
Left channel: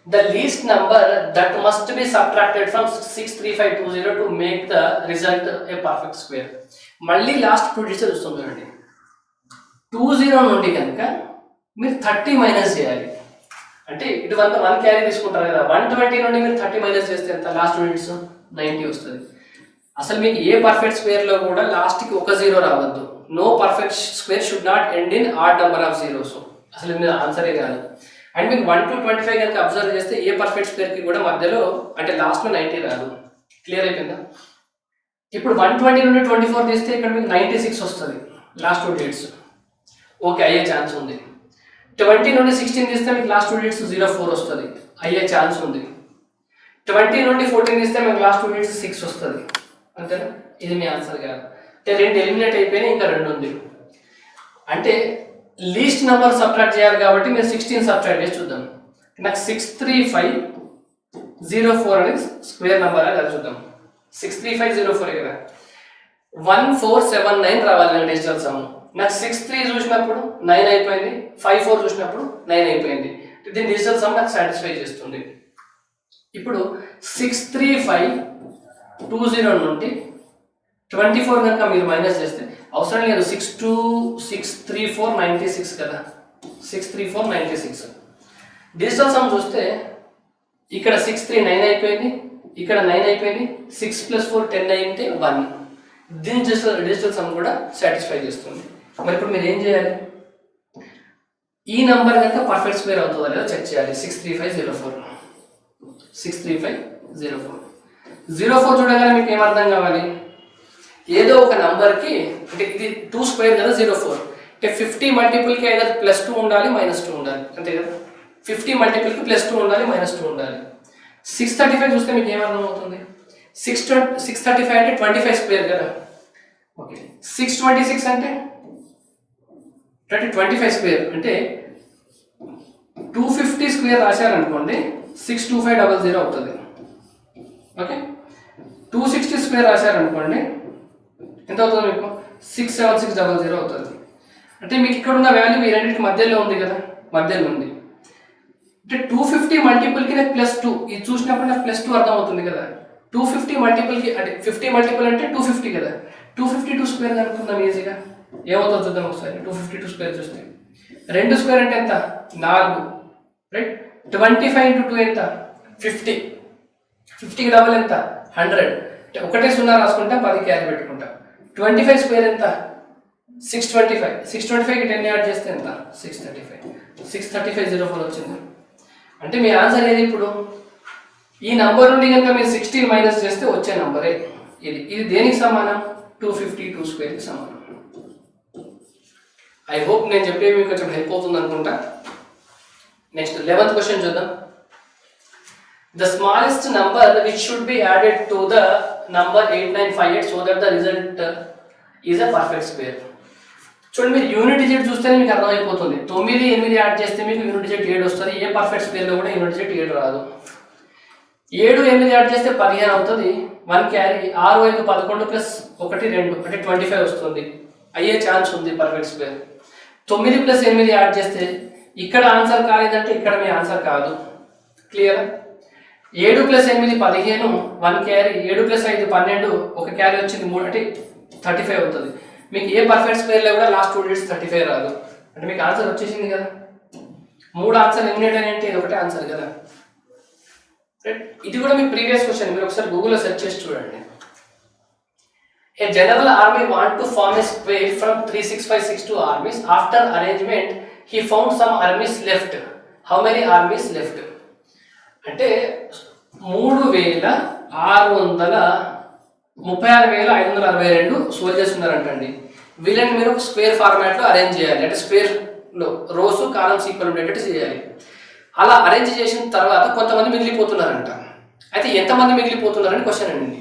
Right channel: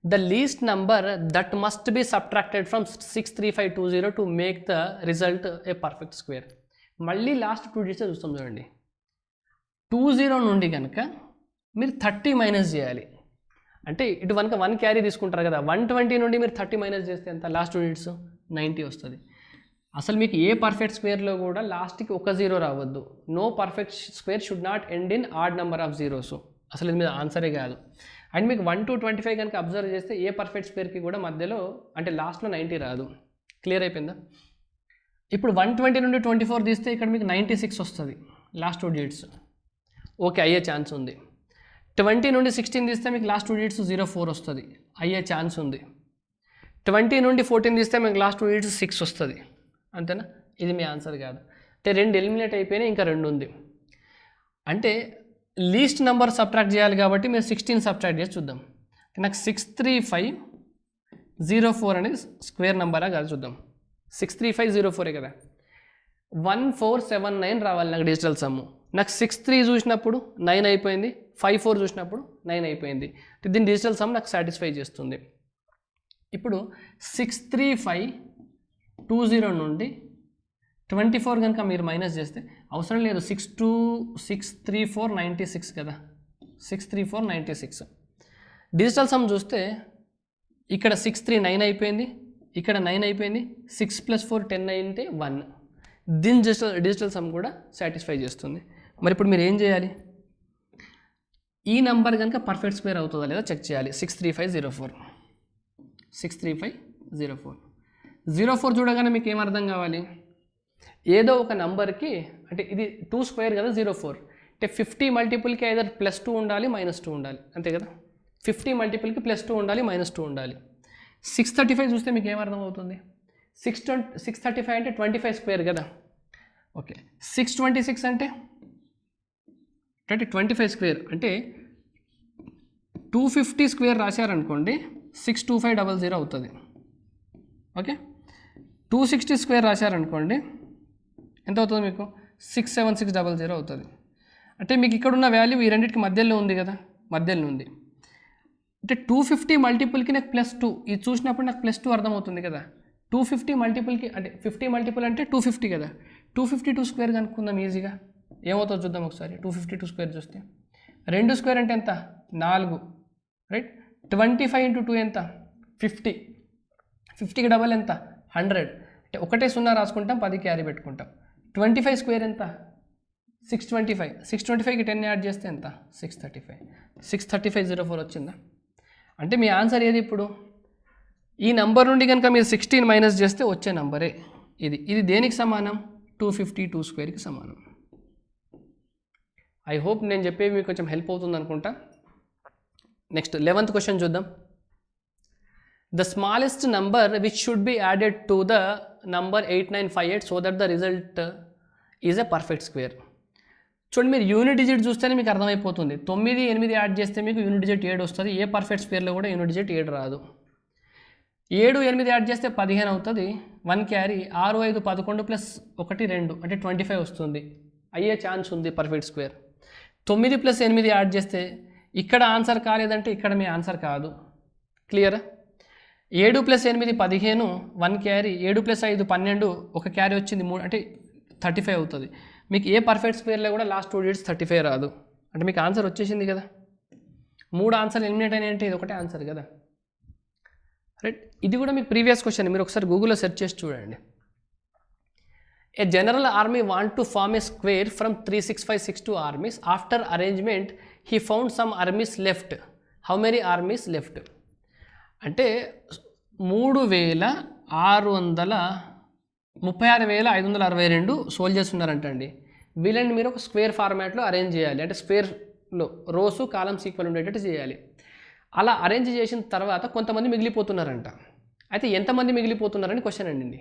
The least number that must be subtracted from 63520 to make the result a perfect square. మళ్ళీ లాస్ట్ 2 డిజిట్స్ చూస్తాం చూడండి. 20 నుండి కనుక మీరు 30 మైనస్ చేయాలి. అంటే ఇటు 1 క్యారీ తీసుకుంటారు కదా. 120 నుండి మీరు 30 మైనస్ చేస్తే ఎంత? లాస్ట్ 2 డిజిట్స్ 90 వస్తుంది. అసలు మీకు ఏ పర్ఫెక్ట్ స్క్వేర్లో కూడా లాస్ట్కి ఒక 0 రావద్దు. No perfect square should not end in odd number of zeros. అసలు ఇది ఆన్సరే కాదు. అండ్ మీకు 1 to 25 కనుక అబ్జర్వ్ చేస్తే ఏ పర్ఫెక్ట్ స్క్వేర్కి కూడా మధ్యలో అంటే లాస్ట్లో 90 రాదు. క్లియర్ అయిపోయిందా? ఇప్పుడు 120 నుండి 24 తీస్తే ఇక్కడ మీకు 96 వస్తుంది. లాస్ట్ 2 డిజిట్స్ ఓకే అయ్యే ఛాన్స్ ఉంది. 20 నుండి 16 తీస్తే మీకు లాస్ట్ 2 డిజిట్స్ 04 వస్తుంది. అయ్యే ఛాన్స్ ఉంది. 20 నుండి 14 తీస్తే మీకు లాస్ట్ 2 డిజిట్స్ 6 వస్తుంది. అంతేనా? ఇది మీ ఆన్సర్ కాదు. అంటే 2 ఎలిమినేట్ అయిపోయినాయి, ఇంకా 2 ఉంది. అంటే లీస్ట్ నెంబర్ సబ్ట్రాక్ట్ చేయాలి కాబట్టి మీరు 16 సబ్ట్రాక్ట్ చేసి చూద్దాం. నాకు 63504 అనేది స్క్వేర్ నెంబర్ అని చూద్దాం. 63504 కదా. 1479 రావాలి నాకు డిజిటల్ సమ్. నాకు 63 చూసినప్పుడు 9 అయిపోయింది. 54 చూసినప్పుడు 9 అయిపోయింది. దీని డిజిటల్ సమ్ నాకు సాటిస్ఫై చేస్తుంది. ఇప్పుడు 63520 నుండి 24 కనుక మీరు మైనస్ చేస్తే అవసరం లేదు, 63496 కదా, 63496. డిజిటల్ సమ్ చూస్తే ఇక్కడ 639 అయిపోయింది, ఇక్కడ 9 అయిపోయింది, 6 + 4 10 అయితే 1. దీని డిజిటల్ సమ్ కూడా సాటిస్ఫై చేస్తుంది. మరి ఇప్పుడు మీరు ఏం చేయాలి, ఈ నంబర్ కనుక పర్ఫెక్ట్ స్క్వేర్ అవుతుందో లేదో చెక్ చేయాలి. 63504 04 చూడగానే మీకు ఏమర్థం కావాలి, ఏదో ఒక నంబర్కి, అంటే ఇది 2 స్క్వేర్ కదా 04, అంటే 50 మల్టిపుల్కి either +2 ఉండాలి -2 ఉండాలి, అంతే కదా. 50 మల్టిపుల్కి +2 ఉండాలి -2 ఉండాలి. 635 చూస్తే మీకు ఏమర్థం అవుతుంది, 635 అంటే 25 స్క్వేర్ కదా, ఓకే. 626 అంటే 25 స్క్వేర్, అంటే 250 స్క్వేర్ రాశారనుకోండి 62500 అవుతుంది, ఓకే. 260 స్క్వేర్ రాశారనుకోండి ఎంత అవుతుంది మీకు, 67600 అవుతుంది. అంటే మీకు ఇక్కడ ఉన్న వాల్యూ ఈ రెండింటికి మధ్యలో ఉంది కదా, మధ్యలో ఉంది. అంటే 250 మల్టిపుల్కి నాకు +2, ఇది చూసినప్పుడు నాకు +2 అర్థం అవుతుంది కదా. 250 మల్టిపుల్కి అంటే 50 మల్టిపుల్ అంటే 250 కదా, 252 స్క్వేర్ కనుక్కుందాం ఈజీగా. ఏమవుతుందో చూద్దాం ఒకసారి. 252 స్క్వేర్ చూస్తే 2 స్క్వేర్ అంటే ఎంత, 4, రైట్. 25 × 2 ఎంత, 50. 50కి డబల్ ఎంత, 100. ఒకటే 0 రాసుకుంటా, 10 క్యారీ పెట్టుకుంటా. 25 స్క్వేర్ ఎంత, 625. 625కి 10 యాడ్ చేస్తే ఎంత, 635. 63504 వచ్చింది. అంటే మీ ఆన్సర్ ఏది ఇప్పుడు, ఈ నంబర్ నుండి కనుక మీరు 16 మైనస్ చేస్తే వచ్చే నంబరే ఇది. ఇది దేనికి సమానం, 252 స్క్వేర్కి సమానం. ఐ హోప్ నేను చెప్పేవి మీకు కొంచెం హెల్ప్ అవుతుంది అనుకుంటా. నెక్స్ట్ 11th క్వశ్చన్ చూద్దాం. The smallest number which should be added to the number 8958 so that the result is a perfect square. చూడండి, మీరు యూనిట్ డిజిట్ చూస్తేనే మీకు అర్థమైపోతుంది. 9, 8 యాడ్ చేస్తే మీకు యూనిట్ డిజిట్ 7 వస్తుంది. ఏ పర్ఫెక్ట్ స్క్వేర్లో కూడా యూనిట్ డిజిట్ 7 రాదు. 7, 8 యాడ్ చేస్తే 15 అవుతుంది, 1 క్యారీ. 6, 5, 11 + 1, 2 అంటే 25 వస్తుంది. అయ్యే ఛాన్స్ ఉంది పర్ఫెక్ట్ స్క్వేర్. 9 + 8 యాడ్ చేస్తే ఇక్కడ ఆన్సర్ కాలేదంటే ఇక్కడ మీ ఆన్సర్ కాదు. క్లియర్. 7 + 8 15, 1 క్యారీ. 7 + 5 12, 1 క్యారీ వచ్చింది, 3 అంటే 35 అవుతుంది. మీకు ఏ పర్ఫెక్ట్ స్క్వేర్లో కూడా లాస్ట్ 2 డిజిట్స్ 35 రాదు. అంటే మీకు ఆన్సర్ వచ్చేసింది కదా. 3 ఆన్సర్ ఎలిమినేట్ అయినంటే ఇది ఒకటే ఆన్సర్ కదా, రైట్. ఇది కూడా మీ ప్రీవియస్ క్వశ్చన్, మీరు ఒకసారి గూగుల్లో సెర్చ్ చేసి చూడండి. A general army want to form a square from 36562 armies. After arrangement, he found some armies left. How many armies left? అంటే 36,562 సోల్జర్స్ ఉన్నారంటండి. వీళ్ళని మీరు స్క్వేర్ ఫార్మాట్లో అరేంజ్ చేయాలి, అంటే స్క్వేర్లో రోస్ కాలమ్స్ ఈక్వల్ ఉండేటట్టు చేయాలి. అలా అరేంజ్ చేసిన తర్వాత కొంతమంది మిగిలిపోతున్నారంట. అయితే ఎంతమంది మిగిలిపోతున్నారని క్వశ్చన్ అండి.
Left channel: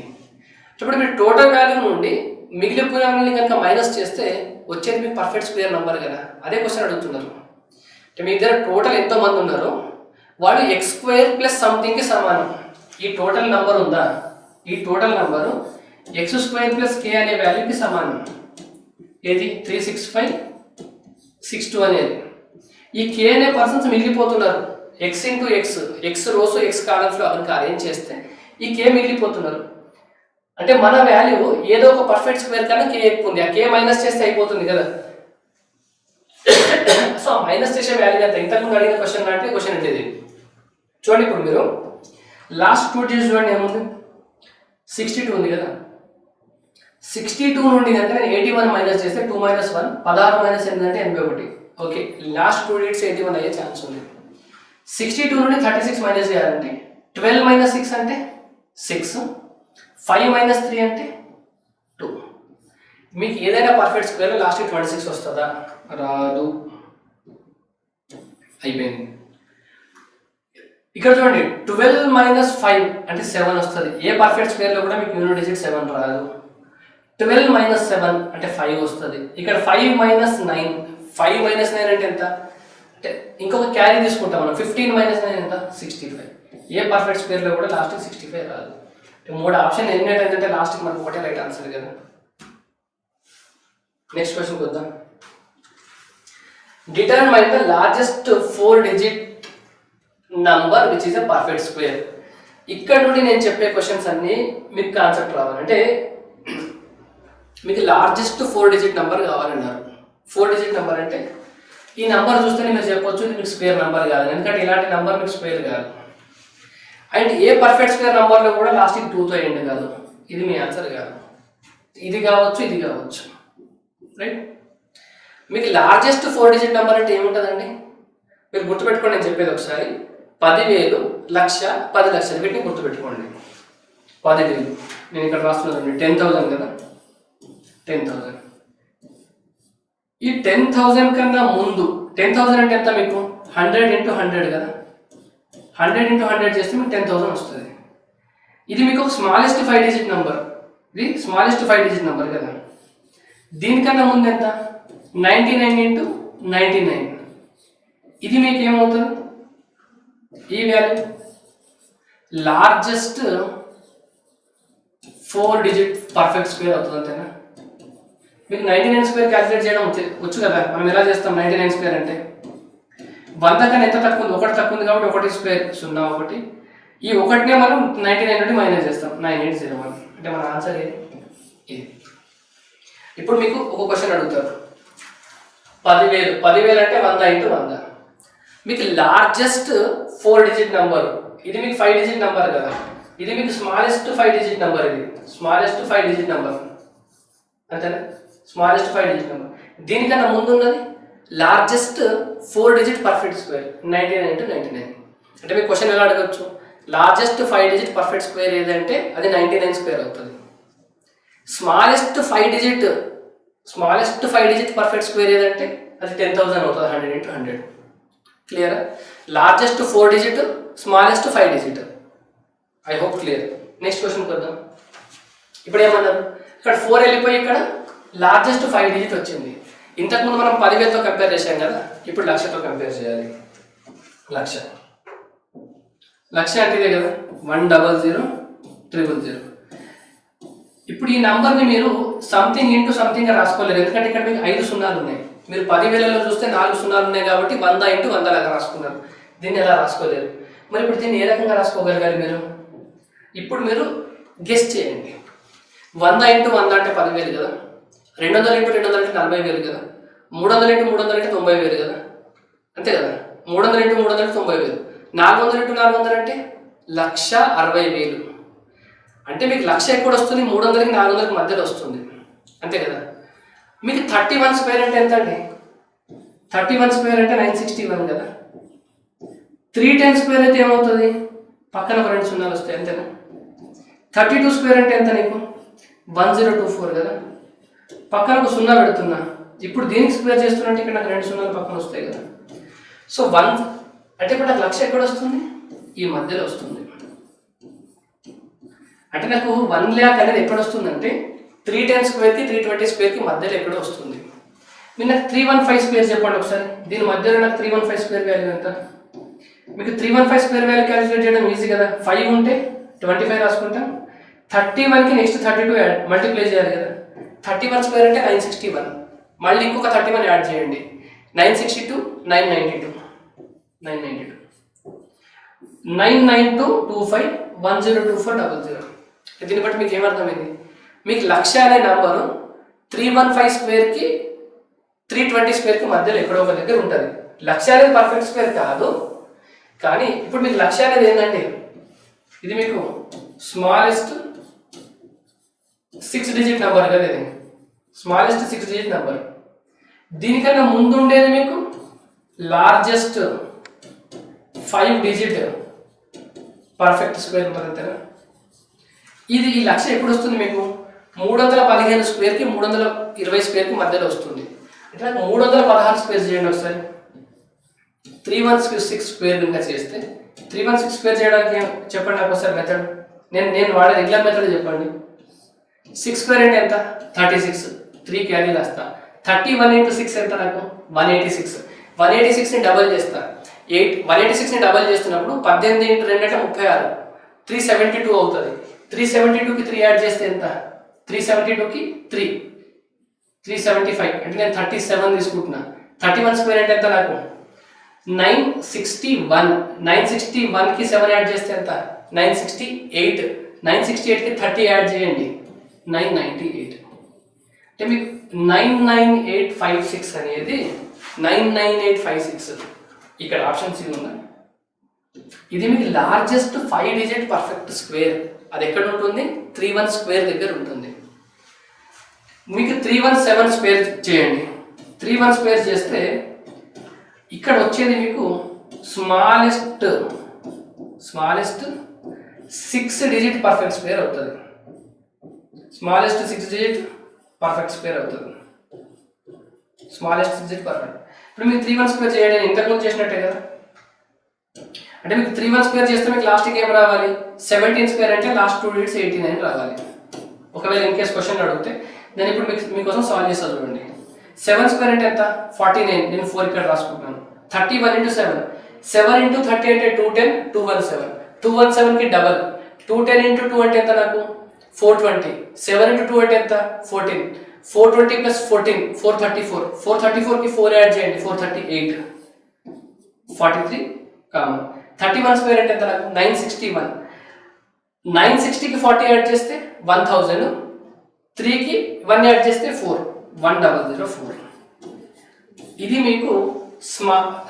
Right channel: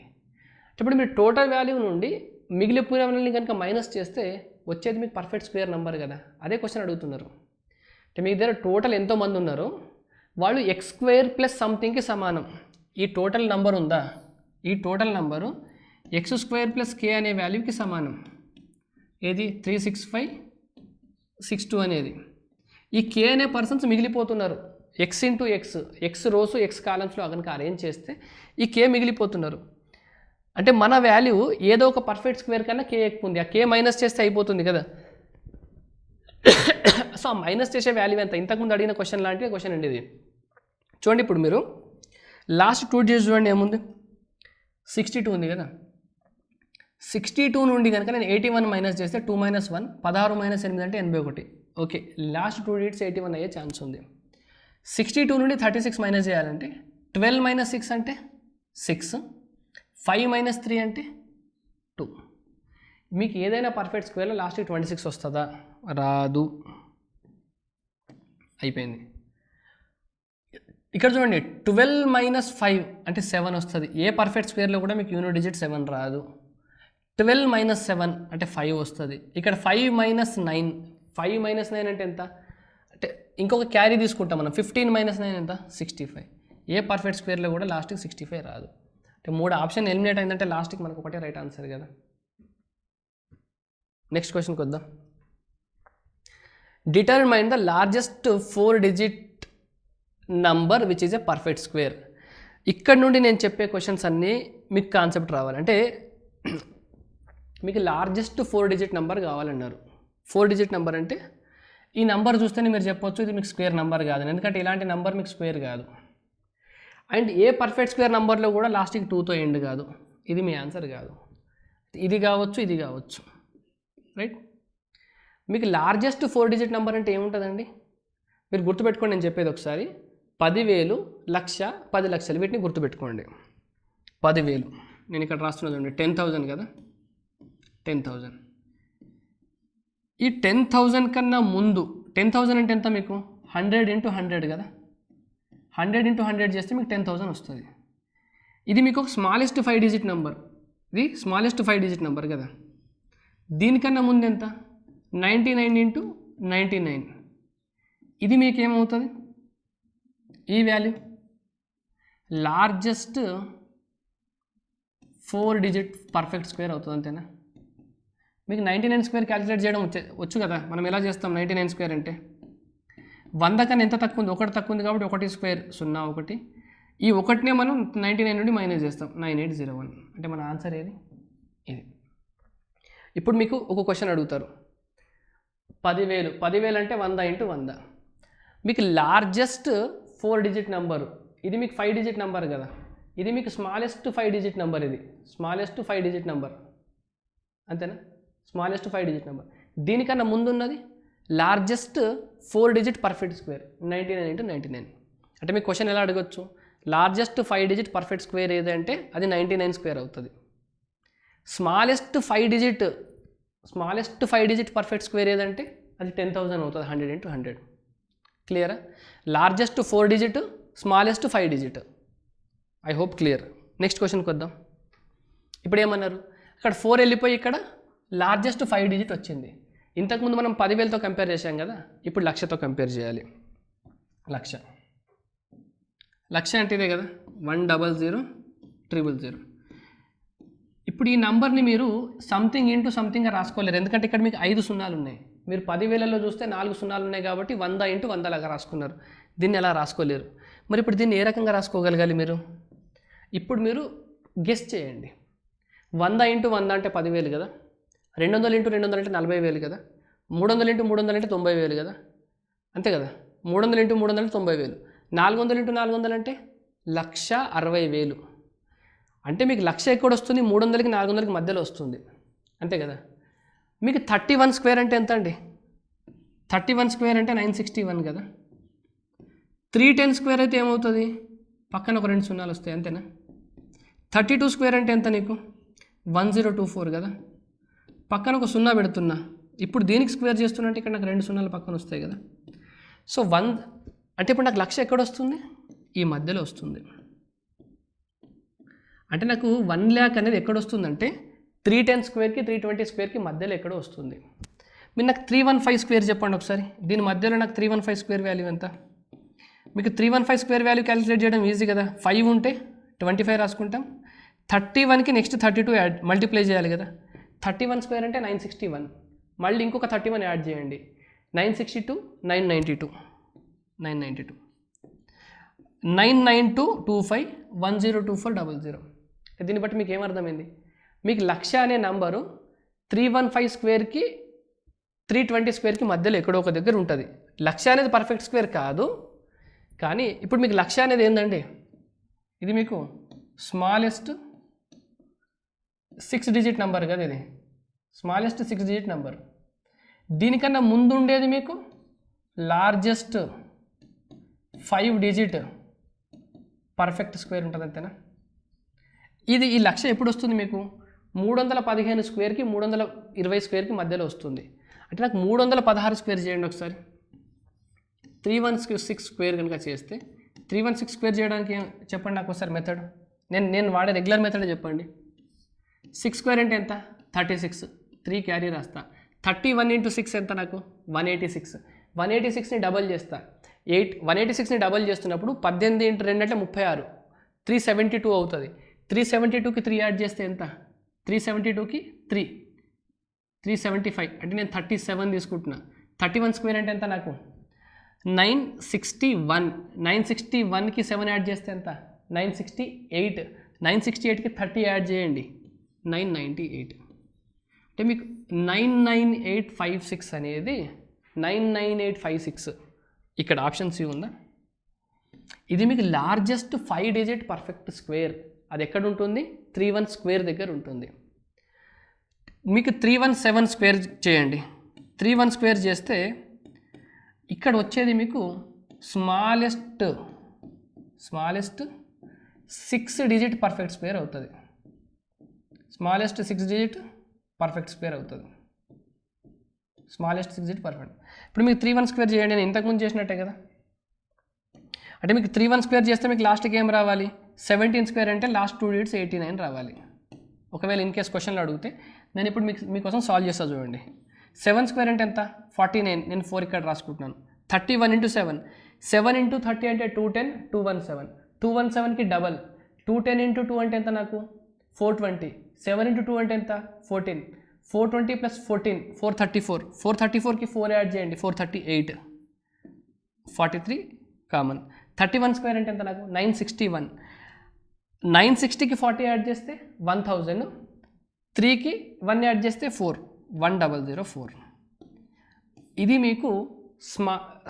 ఇప్పుడు మీరు టోటల్ వాల్యూ నుండి మిగిలిపోయిన వాళ్ళని కనుక మైనస్ చేస్తే వచ్చేది మీకు పర్ఫెక్ట్ స్క్వేర్ నెంబర్ కదా. అదే క్వశ్చన్ అడుగుతున్నారు. అంటే మీ దగ్గర టోటల్ ఎంతోమంది ఉన్నారో వాళ్ళు x² + సంథింగ్కి సమానం. ఈ టోటల్ నెంబర్ ఉందా, ఈ టోటల్ నెంబరు x² + k అనే వాల్యూకి సమానం. ఏది 36562 అనేది. ఈ k అనే పర్సన్స్ మిగిలిపోతున్నారు. x × x రోస్ x కాలమ్స్లో కనుక అరేంజ్ చేస్తే ఈ k మిగిలిపోతున్నారు. అంటే మన వాల్యూ ఏదో ఒక పర్ఫెక్ట్ స్క్వేర్ కన్నా k ఎక్కువ ఉంది. ఆ k మైనస్ చేస్తే అయిపోతుంది కదా. సో మైనస్ చేసే వాల్యూ అంత. ఇంతకుముందు అడిగిన క్వశ్చన్ లాంటి క్వశ్చన్ అంటే ఇది. చూడండి, ఇప్పుడు మీరు లాస్ట్ 2 డిజిట్స్ చూడండి, ఏముంది, 62 ఉంది కదా. 62 నుండి కనుక నేను 81 మైనస్ చేస్తే 2 - 1 16 - 8 అంటే 81. ఓకే, లాస్ట్ 2 డిజిట్స్ 81 అయ్యే ఛాన్స్ ఉంది. 62 నుండి 36 మైనస్ చేయాలంటే 12 - 6 అంటే 6, 5 - 3 అంటే 2. మీకు ఏదైనా పర్ఫెక్ట్ స్క్వేర్లో లాస్ట్ 26 వస్తుందా, రాదు. అయిపోయింది. ఇక్కడ చూడండి, 12 - 5 అంటే 7 వస్తుంది. ఏ పర్ఫెక్ట్ స్క్వేర్లో కూడా మీకు యూనిట్ డిజిట్ 7 రాదు. 12 - 7 అంటే 5 వస్తుంది. ఇక్కడ 5 - 9, 5 - 9 అంటే ఎంత, అంటే ఇంకొక క్యారీ తీసుకుంటాం మనం. 15 - 9 ఎంత, 65. ఏ పర్ఫెక్ట్ స్క్వేర్లో కూడా లాస్ట్ 65 రాదు. అంటే 3 ఆప్షన్ ఎలిమినేట్ ఏంటంటే లాస్ట్కి మనకు ఒకటే రైట్ ఆన్సర్ కదా. నెక్స్ట్ క్వశ్చన్కి వద్దాం. Determine the largest 4-digit number which is a perfect square. ఇక్కడ నుండి నేను చెప్పే క్వశ్చన్స్ అన్నీ మీకు కాన్సెప్ట్ రావాలి. అంటే మీకు లార్జెస్ట్ 4 డిజిట్ నెంబర్ కావాలన్నారు. 4 డిజిట్ నెంబర్ అంటే ఈ నెంబర్ చూస్తేనే మీరు చెప్పొచ్చు ఇది మీకు స్క్వేర్ నెంబర్ కాదు, ఎందుకంటే ఇలాంటి నెంబర్ మీకు స్క్వేర్ కాదు. అండ్ ఏ పర్ఫెక్ట్ స్క్వేర్ నెంబర్లో కూడా లాస్ట్కి 2తో ఎండ్ కాదు. ఇది మీ ఆన్సర్ కాదు. ఇది కావచ్చు, ఇది కావచ్చు, రైట్. మీకు లార్జెస్ట్ 4 డిజిట్ నెంబర్ అంటే ఏముంటుందండి? మీరు గుర్తుపెట్టుకోండి, నేను చెప్పేది ఒకసారి. 10,000, 1,00,000, 10 లక్షలు, వీటిని గుర్తుపెట్టుకోండి. 10,000 నేను ఇక్కడ రాస్తున్నాను, 10,000 కదా, 10,000. ఈ 10,000 కన్నా ముందు 10,000 అంటే ఎంత మీకు? 100 × 100 కదా, 100 × 100 చేస్తే మీకు 10,000 వస్తుంది. ఇది మీకు ఒక స్మాలెస్ట్ 5 డిజిట్ నెంబర్. ఇది స్మాలెస్ట్ 5 డిజిట్ నెంబర్ కదా. దీనికన్నా ముందు ఎంత? 99 × 99. ఇది మీకు ఏమవుతుంది? ఈ value largest 4 digit perfect square అవుతుంది, అంతేనా? మీకు 99 స్క్వేర్ క్యాలిక్యులేట్ చేయడం వచ్చు కదా. మనం ఎలా చేస్తాం? 99 స్క్వేర్ అంటే 100 కన్నా ఎంత తక్కువ ఉంది? 1 తక్కువ ఉంది కాబట్టి 1 స్క్వేర్ 0 1. ఈ 1నే మనం 99 నుండి మైనస్ చేస్తాం, 9801. అంటే మన ఆన్సర్ ఏది? ఇది. ఇప్పుడు మీకు ఒక క్వశ్చన్ అడుగుతారు, 10,000 అంటే 100 × 100. మీకు లార్జెస్ట్ 4 డిజిట్ నెంబర్, ఇది మీకు 5 డిజిట్ నెంబర్ కదా, ఇది మీకు స్మాలెస్ట్ 5 డిజిట్ నెంబర్. ఇది స్మాలెస్ట్ 5 డిజిట్ నెంబర్, అంతేనా? Smallest 5 digit number. దీనికన్నా ముందు ఉన్నది లార్జెస్ట్ 4 డిజిట్ పర్ఫెక్ట్ స్క్వేర్, 99 × 99. అంటే మీకు క్వశ్చన్ ఎలా అడగచ్చు? లార్జెస్ట్ 5 డిజిట్ పర్ఫెక్ట్ స్క్వేర్ ఏదంటే అది 99 స్క్వేర్ అవుతుంది. స్మాలెస్ట్ 5 డిజిట్ పర్ఫెక్ట్ స్క్వేర్ ఏదంటే అది 10,000 అవుతుంది, 100 × 100. Clear? Largest 4 digit, smallest 5 digit. I hope clear. Next question కొద్దాం. ఇప్పుడు ఏమన్నారు? ఇక్కడ 4 వెళ్ళిపోయి ఇక్కడ లార్జెస్ట్ 5 డిజిట్ వచ్చింది. ఇంతకుముందు మనం 10,000తో కంపేర్ చేసాం కదా, ఇప్పుడు 1,00,000తో కంపేర్ చేయాలి. 1,00,000 అంటే ఇదే కదా, 1000000. ఇప్పుడు ఈ నెంబర్ని మీరు సంథింగ్ ఇంటూ సంథింగ్గా రాసుకోలేరు, ఎందుకంటే ఇక్కడ మీకు 5 సున్నాలు ఉన్నాయి. మీరు 10,000లో చూస్తే 4 సున్నాలు ఉన్నాయి కాబట్టి 100 × 100 లాగా రాసుకున్నారు. దీన్ని ఎలా రాసుకోలేరు. మరి ఇప్పుడు దీన్ని ఏ రకంగా రాసుకోగలగాలి మీరు? ఇప్పుడు మీరు గెస్ చేయండి. 100 × 100 అంటే 10,000 కదా, 200 × 200 అంటే 40,000 కదా, 300 × 300 అంటే 90,000 కదా, అంతే కదా. 300 × 300 అంటే 90,000, 400 × 400 అంటే 1,60,000. అంటే మీకు 1,00,000 ఎక్కడ వస్తుంది? 300కి 400కి మధ్యలో వస్తుంది, అంతే కదా. మీకు 31 స్క్వేర్ అంటే ఎంత అండి? 31 స్క్వేర్ అంటే 961 కదా. 310 స్క్వేర్ అయితే ఏమవుతుంది? పక్కన ఒక 2 సున్నాలు వస్తాయి, అంతేనా. 32 స్క్వేర్ అంటే ఎంత నీకు? 1024 కదా. పక్కన ఒక 0 పెడుతున్నా, ఇప్పుడు దీనికి స్క్వేర్ చేస్తున్నట్టు ఇక్కడ నాకు 2 సున్నాలు పక్కన వస్తాయి కదా. సో 1 అంటే ఇప్పుడు నాకు 1,00,000 ఎక్కడ వస్తుంది? ఈ మధ్యలో వస్తుంది. అంటే నాకు 1,00,000 అనేది ఎక్కడ వస్తుందంటే 310 స్క్వేర్కి 320 స్క్వేర్కి మధ్యలో ఎక్కడో వస్తుంది. మీరు నాకు 315 స్క్వేర్ చెప్పండి ఒకసారి. దీని మధ్యలో నాకు 315 స్క్వేర్ వాల్యూ ఎంత? మీకు 315 స్క్వేర్ వాల్యూ క్యాలిక్యులేట్ చేయడం ఈజీ కదా. 5 ఉంటే 25 రాసుకుంటాం, 31కి నెక్స్ట్ 32 మల్టిప్లై చేయాలి కదా. 31 స్క్వేర్ అంటే 961, మళ్ళీ ఇంకొక 31 యాడ్ చేయండి, 962, 992, 99225 102400. దీన్ని బట్టి మీకు ఏమర్థమైంది? మీకు 1,00,000 అనే నంబరు 315 స్క్వేర్కి 320 స్క్వేర్కి మధ్యలో ఎక్కడో ఒక దగ్గర ఉంటుంది. 1,00,000 అనేది పర్ఫెక్ట్ స్క్వేర్ కాదు, కానీ ఇప్పుడు మీకు 1,00,000 అనేది ఏంటండి? ఇది మీకు స్మాలెస్ట్ 6 డిజిట్ నెంబర్ కదా, ఇది స్మాలెస్ట్ 6 డిజిట్ నెంబర్. దీనికన్నా ముందు ఉండేది మీకు largest 5 digit perfect square number, అంతేనా. ఇది ఈ 1,00,000 ఎప్పుడు వస్తుంది మీకు? 315 స్క్వేర్కి 320 స్క్వేర్కి మధ్యలో వస్తుంది. అంటే నాకు 316 స్క్వేర్ చేయండి ఒకసారి. 316 స్క్వేర్ కనుక చేస్తే 316 స్క్వేర్ చేయడానికి చెప్పండి నాకు ఒకసారి మెథడ్. నేను వాడే రెగ్యులర్ మెథడ్ చెప్పండి. 6 స్క్వేర్ అంటే ఎంత? 36, 3 క్యారీ రాస్తా. 31 × 6 ఎంత నాకు? 186. 186ని డబల్ చేస్తా. 186ని డబల్ చేస్తున్నప్పుడు 18 × 2 అంటే 36, 372 అవుతుంది. 372కి 3 యాడ్ చేస్తే ఎంత? 372కి 3, 375. అంటే నేను 37 తీసుకుంటున్నా. 31 స్క్వేర్ అంటే ఎంత నాకు? 961. 961కి 7 యాడ్ చేస్తే ఎంత? 968. 968కి 30 యాడ్ చేయండి, 998. అంటే మీకు 99856 అనేది 99856. ఇక్కడ ఆప్షన్ సి ఉందా? ఇది మీకు లార్జెస్ట్ 5 డిజిట్ పర్ఫెక్ట్ స్క్వేర్. అది ఎక్కడ ఉంటుంది? 31 స్క్వేర్ దగ్గర ఉంటుంది. మీకు 317 స్క్వేర్ చేయండి. 31 స్క్వేర్ చేస్తే ఇక్కడ వచ్చేది మీకు స్మాలెస్ట్ 6 డిజిట్ పర్ఫెక్ట్ స్క్వేర్ అవుతుంది. స్మాలెస్ట్ 6 డిజిట్ పర్ఫెక్ట్ స్క్వేర్ అవుతుంది. Smallest 6 digit perfect. ఇప్పుడు మీకు 31 స్క్వేర్ చేయండి, నేను ఇంతకుముందు చేసినట్టే కదా. అంటే మీకు 31 స్క్వేర్ చేస్తే మీకు లాస్ట్కి ఏం రావాలి? 17 స్క్వేర్ అంటే లాస్ట్ 2 డిజిట్స్ 89 రావాలి. ఒకవేళ ఇన్ కేస్ క్వశ్చన్ అడిగితే నేను ఇప్పుడు మీకోసం సాల్వ్ చేస్తాను చూడండి. 7 స్క్వేర్ అంటే ఎంత? 49. నేను 4 ఇక్కడ రాసుకుంటున్నాను. 31 into 7. 7 into 30 అంటే 210, 217. 217కి డబల్. 210 into 2 అంటే ఎంత నాకు? 420. 7 into 2 అంటే ఎంత? 14. 420 plus 14, 434. 434కి 4 యాడ్ చేయండి, 438. 43 కామన్. 31 స్క్వేర్ అంటే ఎంత నాకు? 961. 960కి 40 యాడ్ చేస్తే 1000. 3కి 1 యాడ్ చేస్తే 4, 1004. ఇది మీకు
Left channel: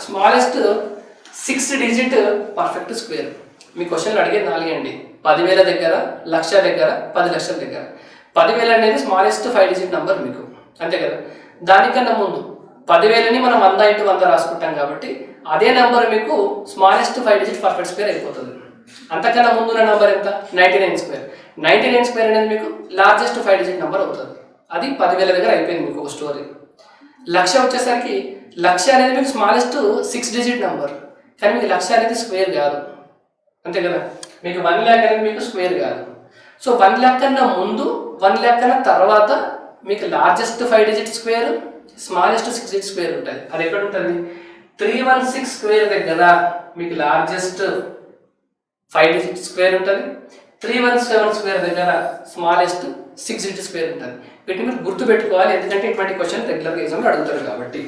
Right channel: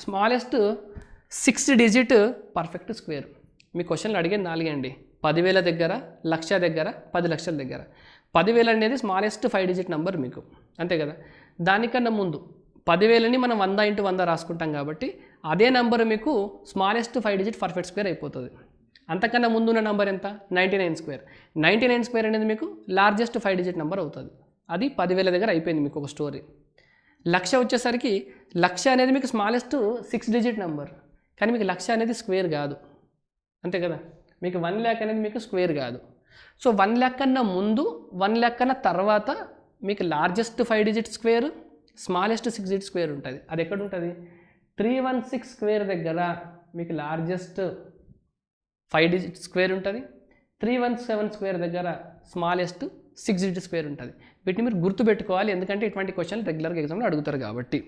స్మాలెస్ట్ 6 డిజిట్ పర్ఫెక్ట్ స్క్వేర్. మీ క్వశ్చన్లు అడిగేది 4 అండి. 10,000 దగ్గర, 1,00,000 దగ్గర, 10 లక్షల దగ్గర. 10,000 అనేది స్మాలెస్ట్ 5 డిజిట్ నెంబర్ మీకు, అంతే కదా. దానికన్నా ముందు 10,000ని మనం 100 into 100 రాసుకుంటాం కాబట్టి అదే నెంబర్ మీకు స్మాలెస్ట్ 5 డిజిట్ పర్ఫెక్ట్ స్క్వేర్ అయిపోతుంది. అంతకన్నా ముందున్న నెంబర్ ఎంత? 99 స్క్వేర్. 99 స్క్వేర్ అనేది మీకు లార్జెస్ట్ 5 డిజిట్ నెంబర్ అవుతుంది. అది 10,000 దగ్గర అయిపోయింది మీకు ఒక స్టోరీ. 1,00,000 వచ్చేసరికి 1,00,000 అనేది మీకు స్మాలెస్ట్ 6 డిజిట్ నెంబర్, కానీ మీకు 1,00,000 అనేది స్క్వేర్ కాదు, అంతే కదా. మీకు 1 lakh అనేది మీకు స్క్వేర్ కాదు. సో 1 lakh కన్నా ముందు, 1 lakh కన్నా తర్వాత మీకు largest 5 digit square, smallest 6 digit square ఉంటుంది. అది ఎక్కడ ఉంటుంది? 316 స్క్వేర్ దగ్గర మీకు లార్జెస్ట్ 5 డిజిట్ స్క్వేర్ ఉంటుంది. 317 స్క్వేర్ దగ్గర స్మాలెస్ట్ 6 డిజిట్ స్క్వేర్ ఉంటుంది. వీటిని మీరు గుర్తుపెట్టుకోవాలి, ఎందుకంటే ఇటువంటి క్వశ్చన్ రెగ్యులర్గా ఎగ్జామ్లో అడుగుతారు కాబట్టి.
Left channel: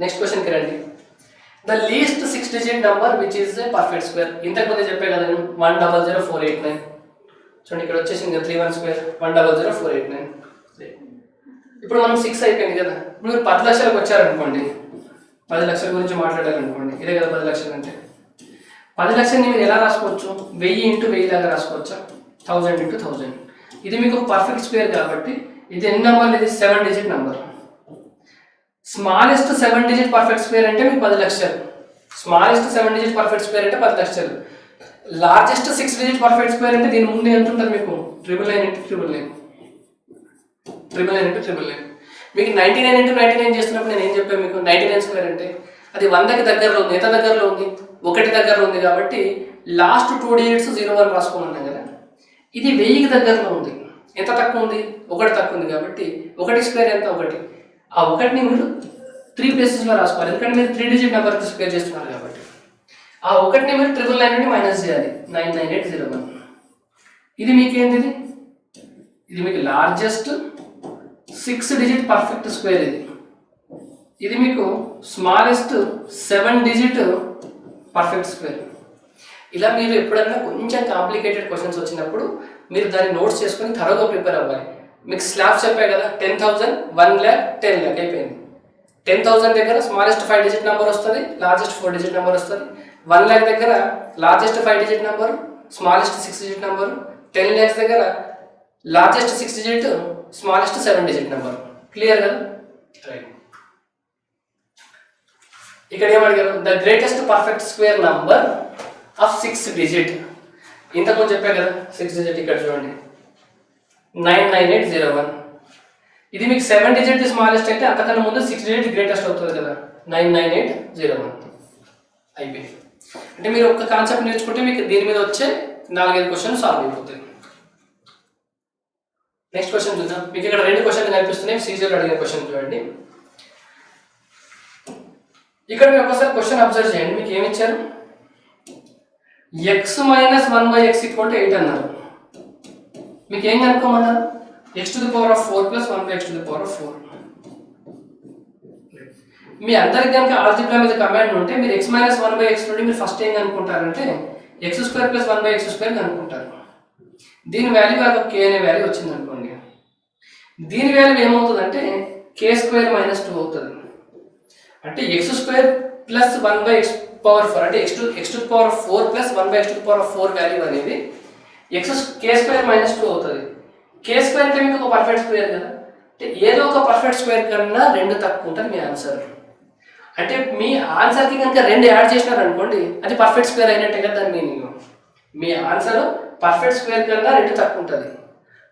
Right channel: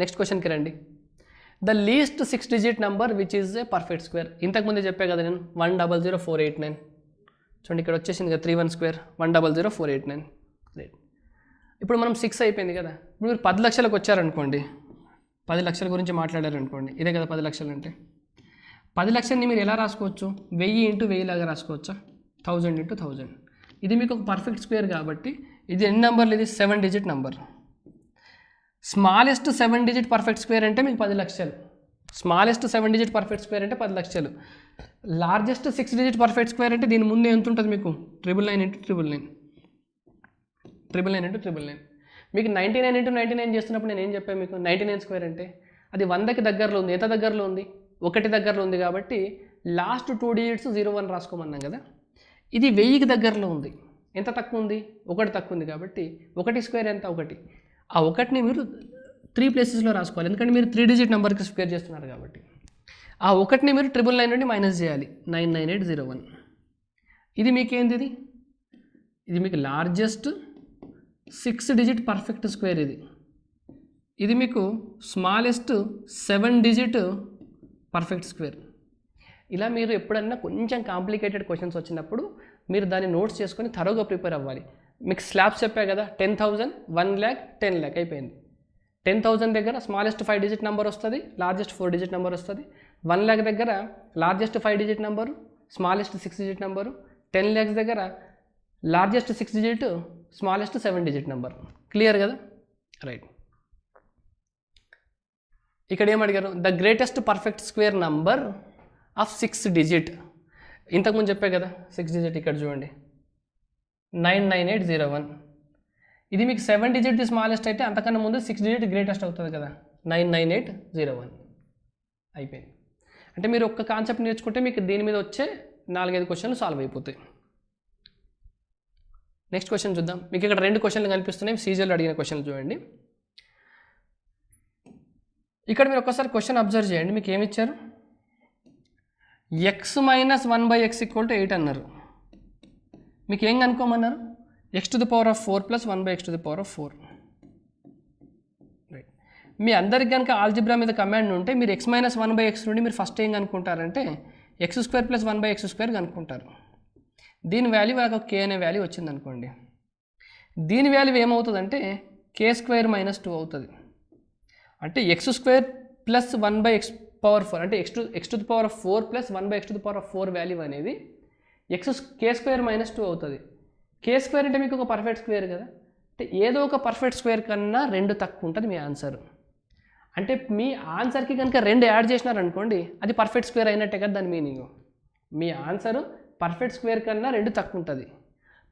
నెక్స్ట్ క్వశ్చన్కి రండి. The least 6 digit number which is a perfect square. ఇంతకుముందు చెప్పే కదా నేను 1,00489. చూడండి ఇక్కడ వచ్చేసింది కదా 31 స్క్వేర్, 1,00489. ఇప్పుడు మనం 6 అయిపోయింది కదా. ఇప్పుడు మీరు 10 లక్షలకు వచ్చారనుకోండి, 10 లక్షల గురించి మాట్లాడారనుకోండి, ఇదే కదా 10 లక్షలు అంటే. 10 లక్షలని మీరు ఎలా రాసుకోవచ్చు? 1000 into 1000 లాగా రాసుకోవచ్చా? 1000 into 1000. ఇది మీకు పర్ఫెక్ట్ స్క్వేర్ కాబట్టి ఇది ఎన్ని నెంబర్? ఇది 7 digit number. Smallest 7 digit perfect square అంటే మీకు 10 లక్షలు. స్మాలెస్ట్ 7 డిజిట్ పర్ఫెక్ట్ స్క్వేర్ అంటే 10 లక్షలు. లార్జెస్ట్ 6 డిజిట్ పర్ఫెక్ట్ స్క్వేర్ అంటే దీని ముందు ఎంత ఉంటుంది మీకు? 999 into 999. 999 into 999. మీకు 99 into 99 చేస్తున్నప్పుడు నేను ఏం చెప్పాను మీకు? 99 స్క్వేర్ అంటే అది 100కి దగ్గరలో ఉంది. ఎంత దగ్గరలో ఉంది? 1 దగ్గరలో ఉంది కాబట్టి లాస్ట్ 2 డిజిట్స్ 01 రాసుకోమన్నాం కదా. ఇది 1000కి దగ్గరలో ఉంది. ఎంత తక్కువ ఉంది? 1 తక్కువ ఉంది కాబట్టి 1 స్క్వేర్ ఎంత? 1. ఆ 1ని మీరు 3 ప్లేసెస్లో రాసుకోవాలి, ఎందుకంటే మీరు 3 డిజిట్ నెంబర్కి స్క్వేర్ చేస్తున్నారు కాబట్టి. ఆ 1ని మీరు 999 నుండి మైనస్ చేయాలి, 99801. ఇది మీకు ఏంటిది? ఇది మీకు లార్జెస్ట్ 6 డిజిట్ పర్ఫెక్ట్ స్క్వేర్. ఇది మీకు స్మాలెస్ట్ 7 డిజిట్ పర్ఫెక్ట్ స్క్వేర్. ఇలా మీరు ఎప్పుడన్నా కొంచెం కాంప్లికేటెడ్ క్వశ్చన్స్ వచ్చినప్పుడు మీరు దాన్ని నోట్స్ చేసుకొని త్వరగా ప్రిపేర్ అవ్వాలి. మీకు స్లాబ్స్ చెప్పాయి కదా, 10,000, 1 lakh, 10 lakh అయిపోయింది. 10,000 దగ్గర స్మాలెస్ట్ 5 డిజిట్ నెంబర్ వస్తుంది, లార్జెస్ట్ 4 డిజిట్ నెంబర్ వస్తుంది. 1 lakh దగ్గర largest 5 digit number, smallest 6 digit number. 10 lakhs దగ్గర largest 6 digit, smallest 7 digit number. Clear కదా? రైట్. ఇక్కడ ఏమడిగారు? The greatest perfect square number of 6 digit. ఇంతకుముందు చెప్పా కదా 6 డిజిట్. ఇక్కడ చూడండి 99801. ఇది మీకు 7 డిజిట్ స్మాలెస్ట్ అయితే అంతకన్నా ముందు 6 డిజిట్ గ్రేటెస్ట్ అవుతుంది కదా, 99801 అయిపోయింది. అంటే మీరు ఒక్క కాన్సెప్ట్ నేర్చుకుంటే మీకు దీని మీద వచ్చే 4-5 క్వశ్చన్ సాల్వ్ అయిపోతాయి. నెక్స్ట్ క్వశ్చన్ చూద్దాం. మీకు ఇక్కడ 2 క్వశ్చన్లు కనిపిస్తున్నాయి. సీజన్లో అడిగిన క్వశ్చన్ చూడండి. ఇక్కడ మీరు ఒకసారి క్వశ్చన్ అబ్జర్వ్ చేయండి. మీకు ఏమి ఇచ్చారు? x - 1/x = 8 అన్నారు. మీకు ఏం కనుక్కోమన్నారు? x⁴ + 1/x⁴. మీ అందరికి కనుక ఆల్జిబ్రా మీద కమాండ్ ఉంటే మీరు x - 1/x నుండి మీరు ఫస్ట్ ఏం అనుకుంటారంటే ఎక్స్ స్క్వేర్ ప్లస్ 1/x² కనుక్కుంటారు. దీని వాల్యూ నాకు k అనే వాల్యూ వచ్చింది అనుకోండి. దీని వాల్యూ ఏమవుతుందంటే k² - 2 అవుతుంది. అంటే x² ప్లస్ 1/x⁴ అంటే x⁴ ప్లస్ 1/x⁴ వాల్యూ అనేది k² - 2 అవుతుంది. k² అంటే మీకు ఒక పర్ఫెక్ట్ స్క్వేర్ కదా, అంటే ఏదో ఒక పర్ఫెక్ట్ స్క్వేర్ కన్నా 2 తక్కువ ఉంటుంది మీ ఆన్సర్. అంటే మీ ఆన్సర్కి కనుక 2 యాడ్ చేసినారనుకోండి అది పర్ఫెక్ట్ స్క్వేర్ అయినట్టే కదా దాని మీనింగ్. మీ ఆన్సర్ పర్ఫెక్ట్ స్క్వేర్ కన్నా 2 తక్కువ ఉంటుంది.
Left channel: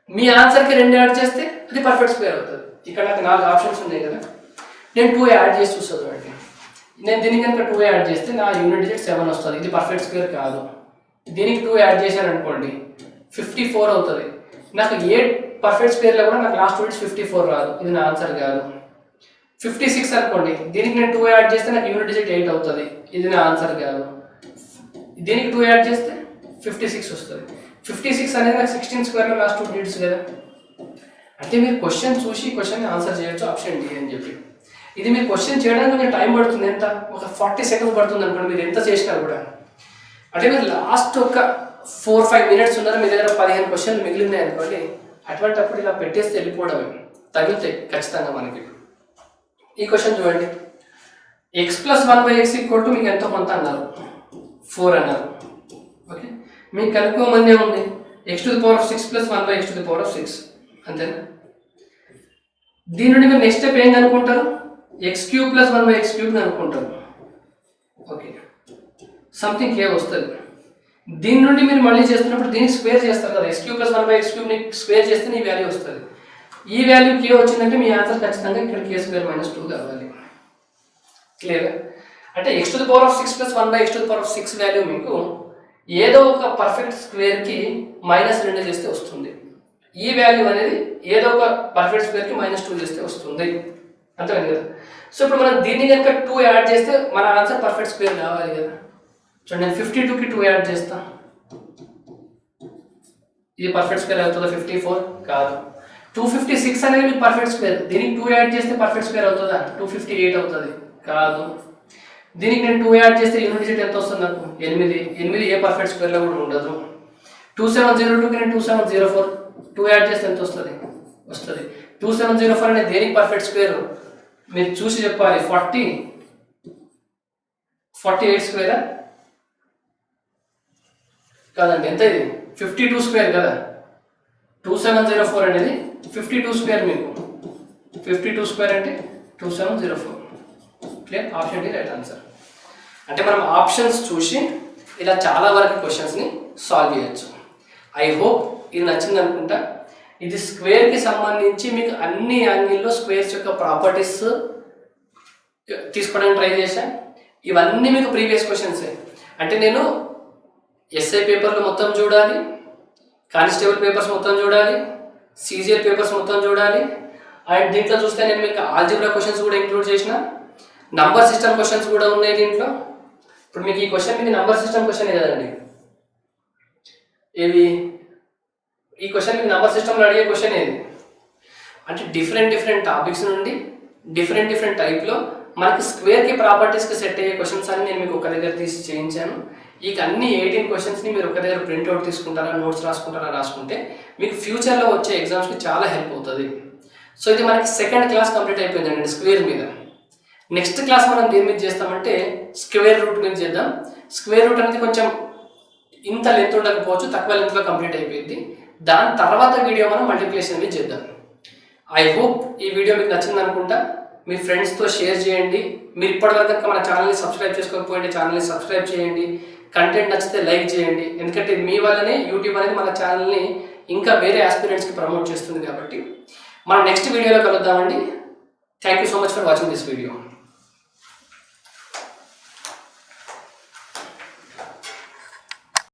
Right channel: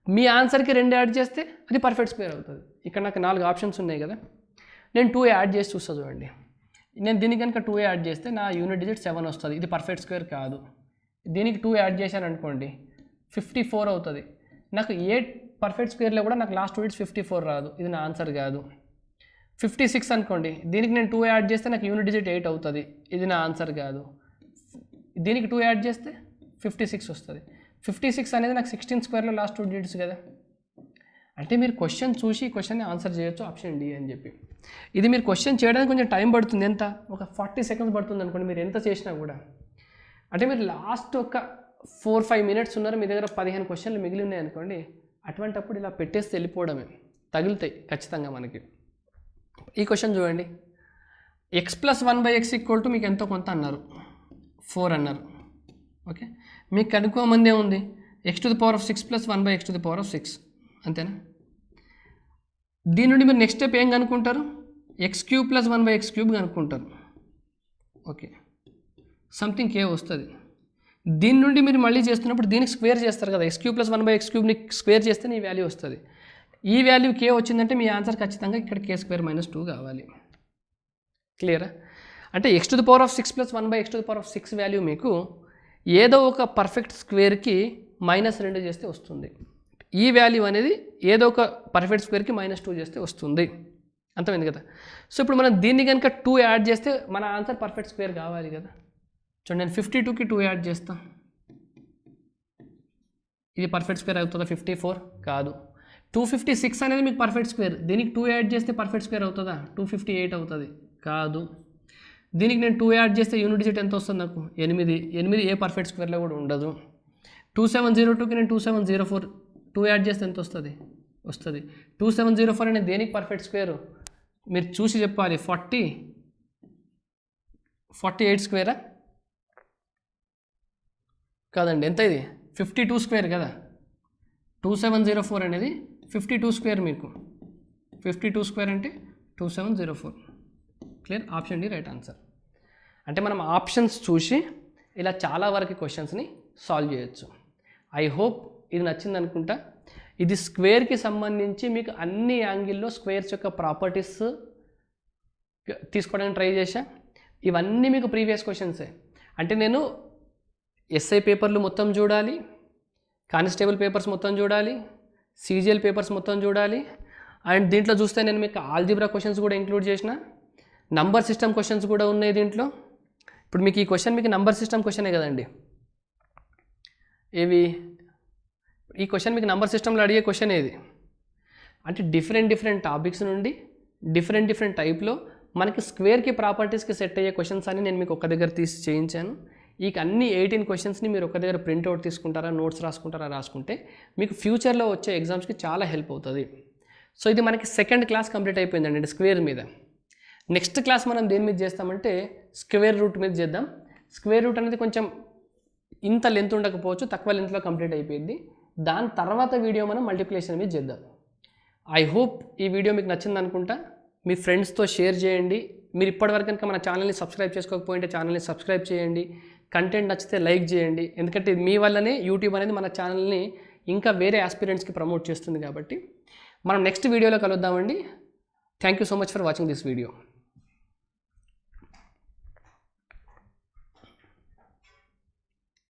మీ ఆన్సర్కి 2 యాడ్ చేస్తే అది పర్ఫెక్ట్ స్క్వేర్ అవుతుంది. ఇక్కడ నాకు 4 ఆప్షన్స్ ఉన్నాయి కదా, నేను 2 యాడ్ చేసి చూస్తాను అండి. నేను దీనికి కనుక 2 యాడ్ చేస్తే నా యూనిట్ డిజిట్ 7 వస్తుంది. ఇది పర్ఫెక్ట్ స్క్వేర్ కాదు. దీనికి 2 యాడ్ చేశాను అనుకోండి 54 అవుతుంది. నాకు ఏ పర్ఫెక్ట్ స్క్వేర్లో కూడా నాకు లాస్ట్ డిజిట్ 54 రాదు. ఇది నా ఆన్సర్ కాదు. 56 అనుకోండి, దీనికి నేను 2 యాడ్ చేస్తే నాకు యూనిట్ డిజిట్ 8 అవుతుంది. ఇది నా ఆన్సర్ కాదు. దీనికి 2 యాడ్ చేస్తే 56 వస్తుంది. 56 అనేది నాకు 16 స్క్వేర్లో లాస్ట్ 2 డిజిట్స్ కదా. అంటే మీరు క్వశ్చన్ చూసి క్వశ్చన్ ఆన్సర్ చేయొచ్చు ఆప్షన్ డి అని చెప్పి. ఇది మీరు క్వశ్చన్ చేయడానికి కొంచెం టైం పడుతుంది. ఎంత ఒక 40 సెకండ్స్ పడుతుంది అనుకోండి మీరు ఎంత చేసినా కూడా. అంటే మీరు లాస్ట్ ఒక 4-5 మినిట్స్ ఉన్నారు, మీ దగ్గర 15 క్వశ్చన్లు మిగిలినాయి అనుకోండి. అటువంటిప్పుడు ఇలా పెట్టేస్తే వెళ్ళిపోవడమే, తగులుతాయి ఖచ్చితంగా మనకి. ఈ క్వశ్చన్ చూడండి, x + 1/x = మీకు ఎంతో కొంత అన్నారు, 4 అన్నారు. ఓకే, మీకు కనుక్కోమని ఉంది x⁴ + 1/x⁴ అంతేనా. దీని నుండి మీరు నెక్స్ట్ స్టెప్ ఏం కనుక్కుంటారు, x³ + 1/x³ కనుక్కుంటారు. ఓకే, సంథింగ్ k వస్తుంది. దీని నుండి మీరు మళ్ళీ చేస్తున్నప్పుడు దీన్ని స్క్వేర్ చేస్తారు కదా, x³ + 1/x³ స్క్వేర్ చేస్తే ఈ వాల్యూ వస్తుంది. ఈ వాల్యూ k వచ్చిందంటే మీ ఆన్సర్ ఖచ్చితంగా ఇక్కడ k² - 2 కావాలి. క్లియర్. అంటే x⁴ + 1/x⁴ వాల్యూ మీకు ఏదో ఒక పర్ఫెక్ట్ స్క్వేర్కి -2 చేస్తే వస్తుంది. ఈ వాల్యూ అనేది ఏదో ఒక పర్ఫెక్ట్ స్క్వేర్కి -2 చేస్తే వస్తుంది. అంతేనా కదా. సో ఇప్పుడు మనం దీన్ని కనుక 2 యాడ్ చేస్తే మన ఆన్సర్ పర్ఫెక్ట్ స్క్వేర్ కావాలి కదా. చూడండి, నేను 52కి 2 యాడ్ చేస్తా, ఇది పర్ఫెక్ట్ స్క్వేర్ అవుతుందా, 54 కాదు. 256 అనేది మీకు పర్ఫెక్ట్ స్క్వేర్, దీనికి 2 యాడ్ చేస్తే పర్ఫెక్ట్ స్క్వేర్ అవుతుందా, 258 అవుతుంది కాదు. దీనికి నేను 2 యాడ్ చేస్తే యూనిట్ డిజిట్ ఎంత వస్తుంది నాకు, 8 ఏ పర్ఫెక్ట్ స్క్వేర్లో కూడా ఉండదు. 2702కి నేను 2704 2 యాడ్ చేస్తే ఎంత వస్తుంది, 2704 అనేది దేనికి పర్ఫెక్ట్ స్క్వేర్ మీరు చూసి చెప్పాలి. 48 స్క్వేరా కాదండి, ఎంత ఇది 52 స్క్వేర్ కదా. 2704 అనేది 52 స్క్వేర్, మీకు 52 స్క్వేర్ అంటే 2704. Clear, option D right answer. అంటే మనం ఆప్షన్స్ చూసి ఇలా చాలా వరకు క్వశ్చన్స్ని సాల్వ్ చేయొచ్చు. ఐ హోప్ ఇది నచ్చింది అనుకుంటా. ఇది స్క్వేర్కి సంబంధించి మీకు అన్ని యాంగిల్లో స్క్వేర్స్ యొక్క ప్రాపర్టీస్ తీసుకోవడానికి ట్రై చేశా. ఇవన్నీ మీకు ప్రీవియస్ క్వశ్చన్సే. అంటే నేను ఎస్ఐ పేపర్లు మొత్తం చూడాలి, కానిస్టేబుల్ పేపర్స్ మొత్తం చూడాలి, సీజీఎల్ పేపర్స్ మొత్తం చూడాలి. అండ్ దీంట్లో చూస్తే నేను మీకు ఆల్జిబ్రా క్వశ్చన్స్ కూడా ఇంక్లూడ్ చేసిన, నంబర్ సిస్టమ్ క్వశ్చన్స్ కూడా ఉన్నాయి దీంట్లో. ఇప్పుడు మీకు ఈ క్వశ్చన్ మీకు నంబర్ సిస్టమ్ క్వశ్చనే కదండి. ఈ క్వశ్చన్ మీకు నంబర్ సిస్టమ్లో అడిగే క్వశ్చన్ ఏది అంటే డిఫరెంట్ టాపిక్స్ నుండి డిఫరెంట్ టైప్లో మనకి స్క్వేర్కి ప్రాపర్టీస్కి సెట్ అయ్యే క్వశ్చన్స్ అని నేను మీకు ఒక దగ్గర తీసి చేయించాను. ఈ అన్ని 18 క్వశ్చన్స్ని మీరు ఒక దగ్గర ప్రింట్అవుట్ తీసుకుంటారా, నోట్స్ రాసుకుంటే మీకు ఫ్యూచర్లో వచ్చే ఎగ్జామ్స్కి చాలా హెల్ప్ అవుతుంది. సో ఇది మనకి సెకండ్ క్లాస్ కంప్లీట్ అయిపోయిందండి స్క్వేర్ మీద. నెక్స్ట్ క్లాస్ మనం దేని మీద చేస్తామంటే స్క్వేర్ రూట్ మీద చేద్దాం. స్క్వేర్ రూట్ అనేది కొంచెం ఇంత లెంత్ ఉండకపోవచ్చు, తక్కువ లెంత్లో కంప్లీట్ అయిపోయింది. దాని తర్వాత వీడియో మనం మల్టిప్లికేషన్ మీద చేద్దాం. ఐ హోప్ ఈ వీడియో మీకు నచ్చింది అనుకుంటా. మీ ఫ్రెండ్స్తో షేర్ చేయండి. మీరు ఇప్పటివరకు కనుక మన ఛానల్ని సబ్స్క్రైబ్ చేసుకోకపోయింటే ఛానల్ని సబ్స్క్రైబ్ చేయండి. కంటెంట్ నచ్చితే లైక్ చేయండి. ఎందుకంటే మీ వల్లనే యూట్యూబ్ అనేది మన ఛానల్ని ఇంకా వేరే ఆస్పిరెంట్స్కి ప్రమోట్ చేస్తుంది కాబట్టి. మనం నెక్స్ట్ వీడియోలో కలుద్దామండి. Thank you so much for watching this video.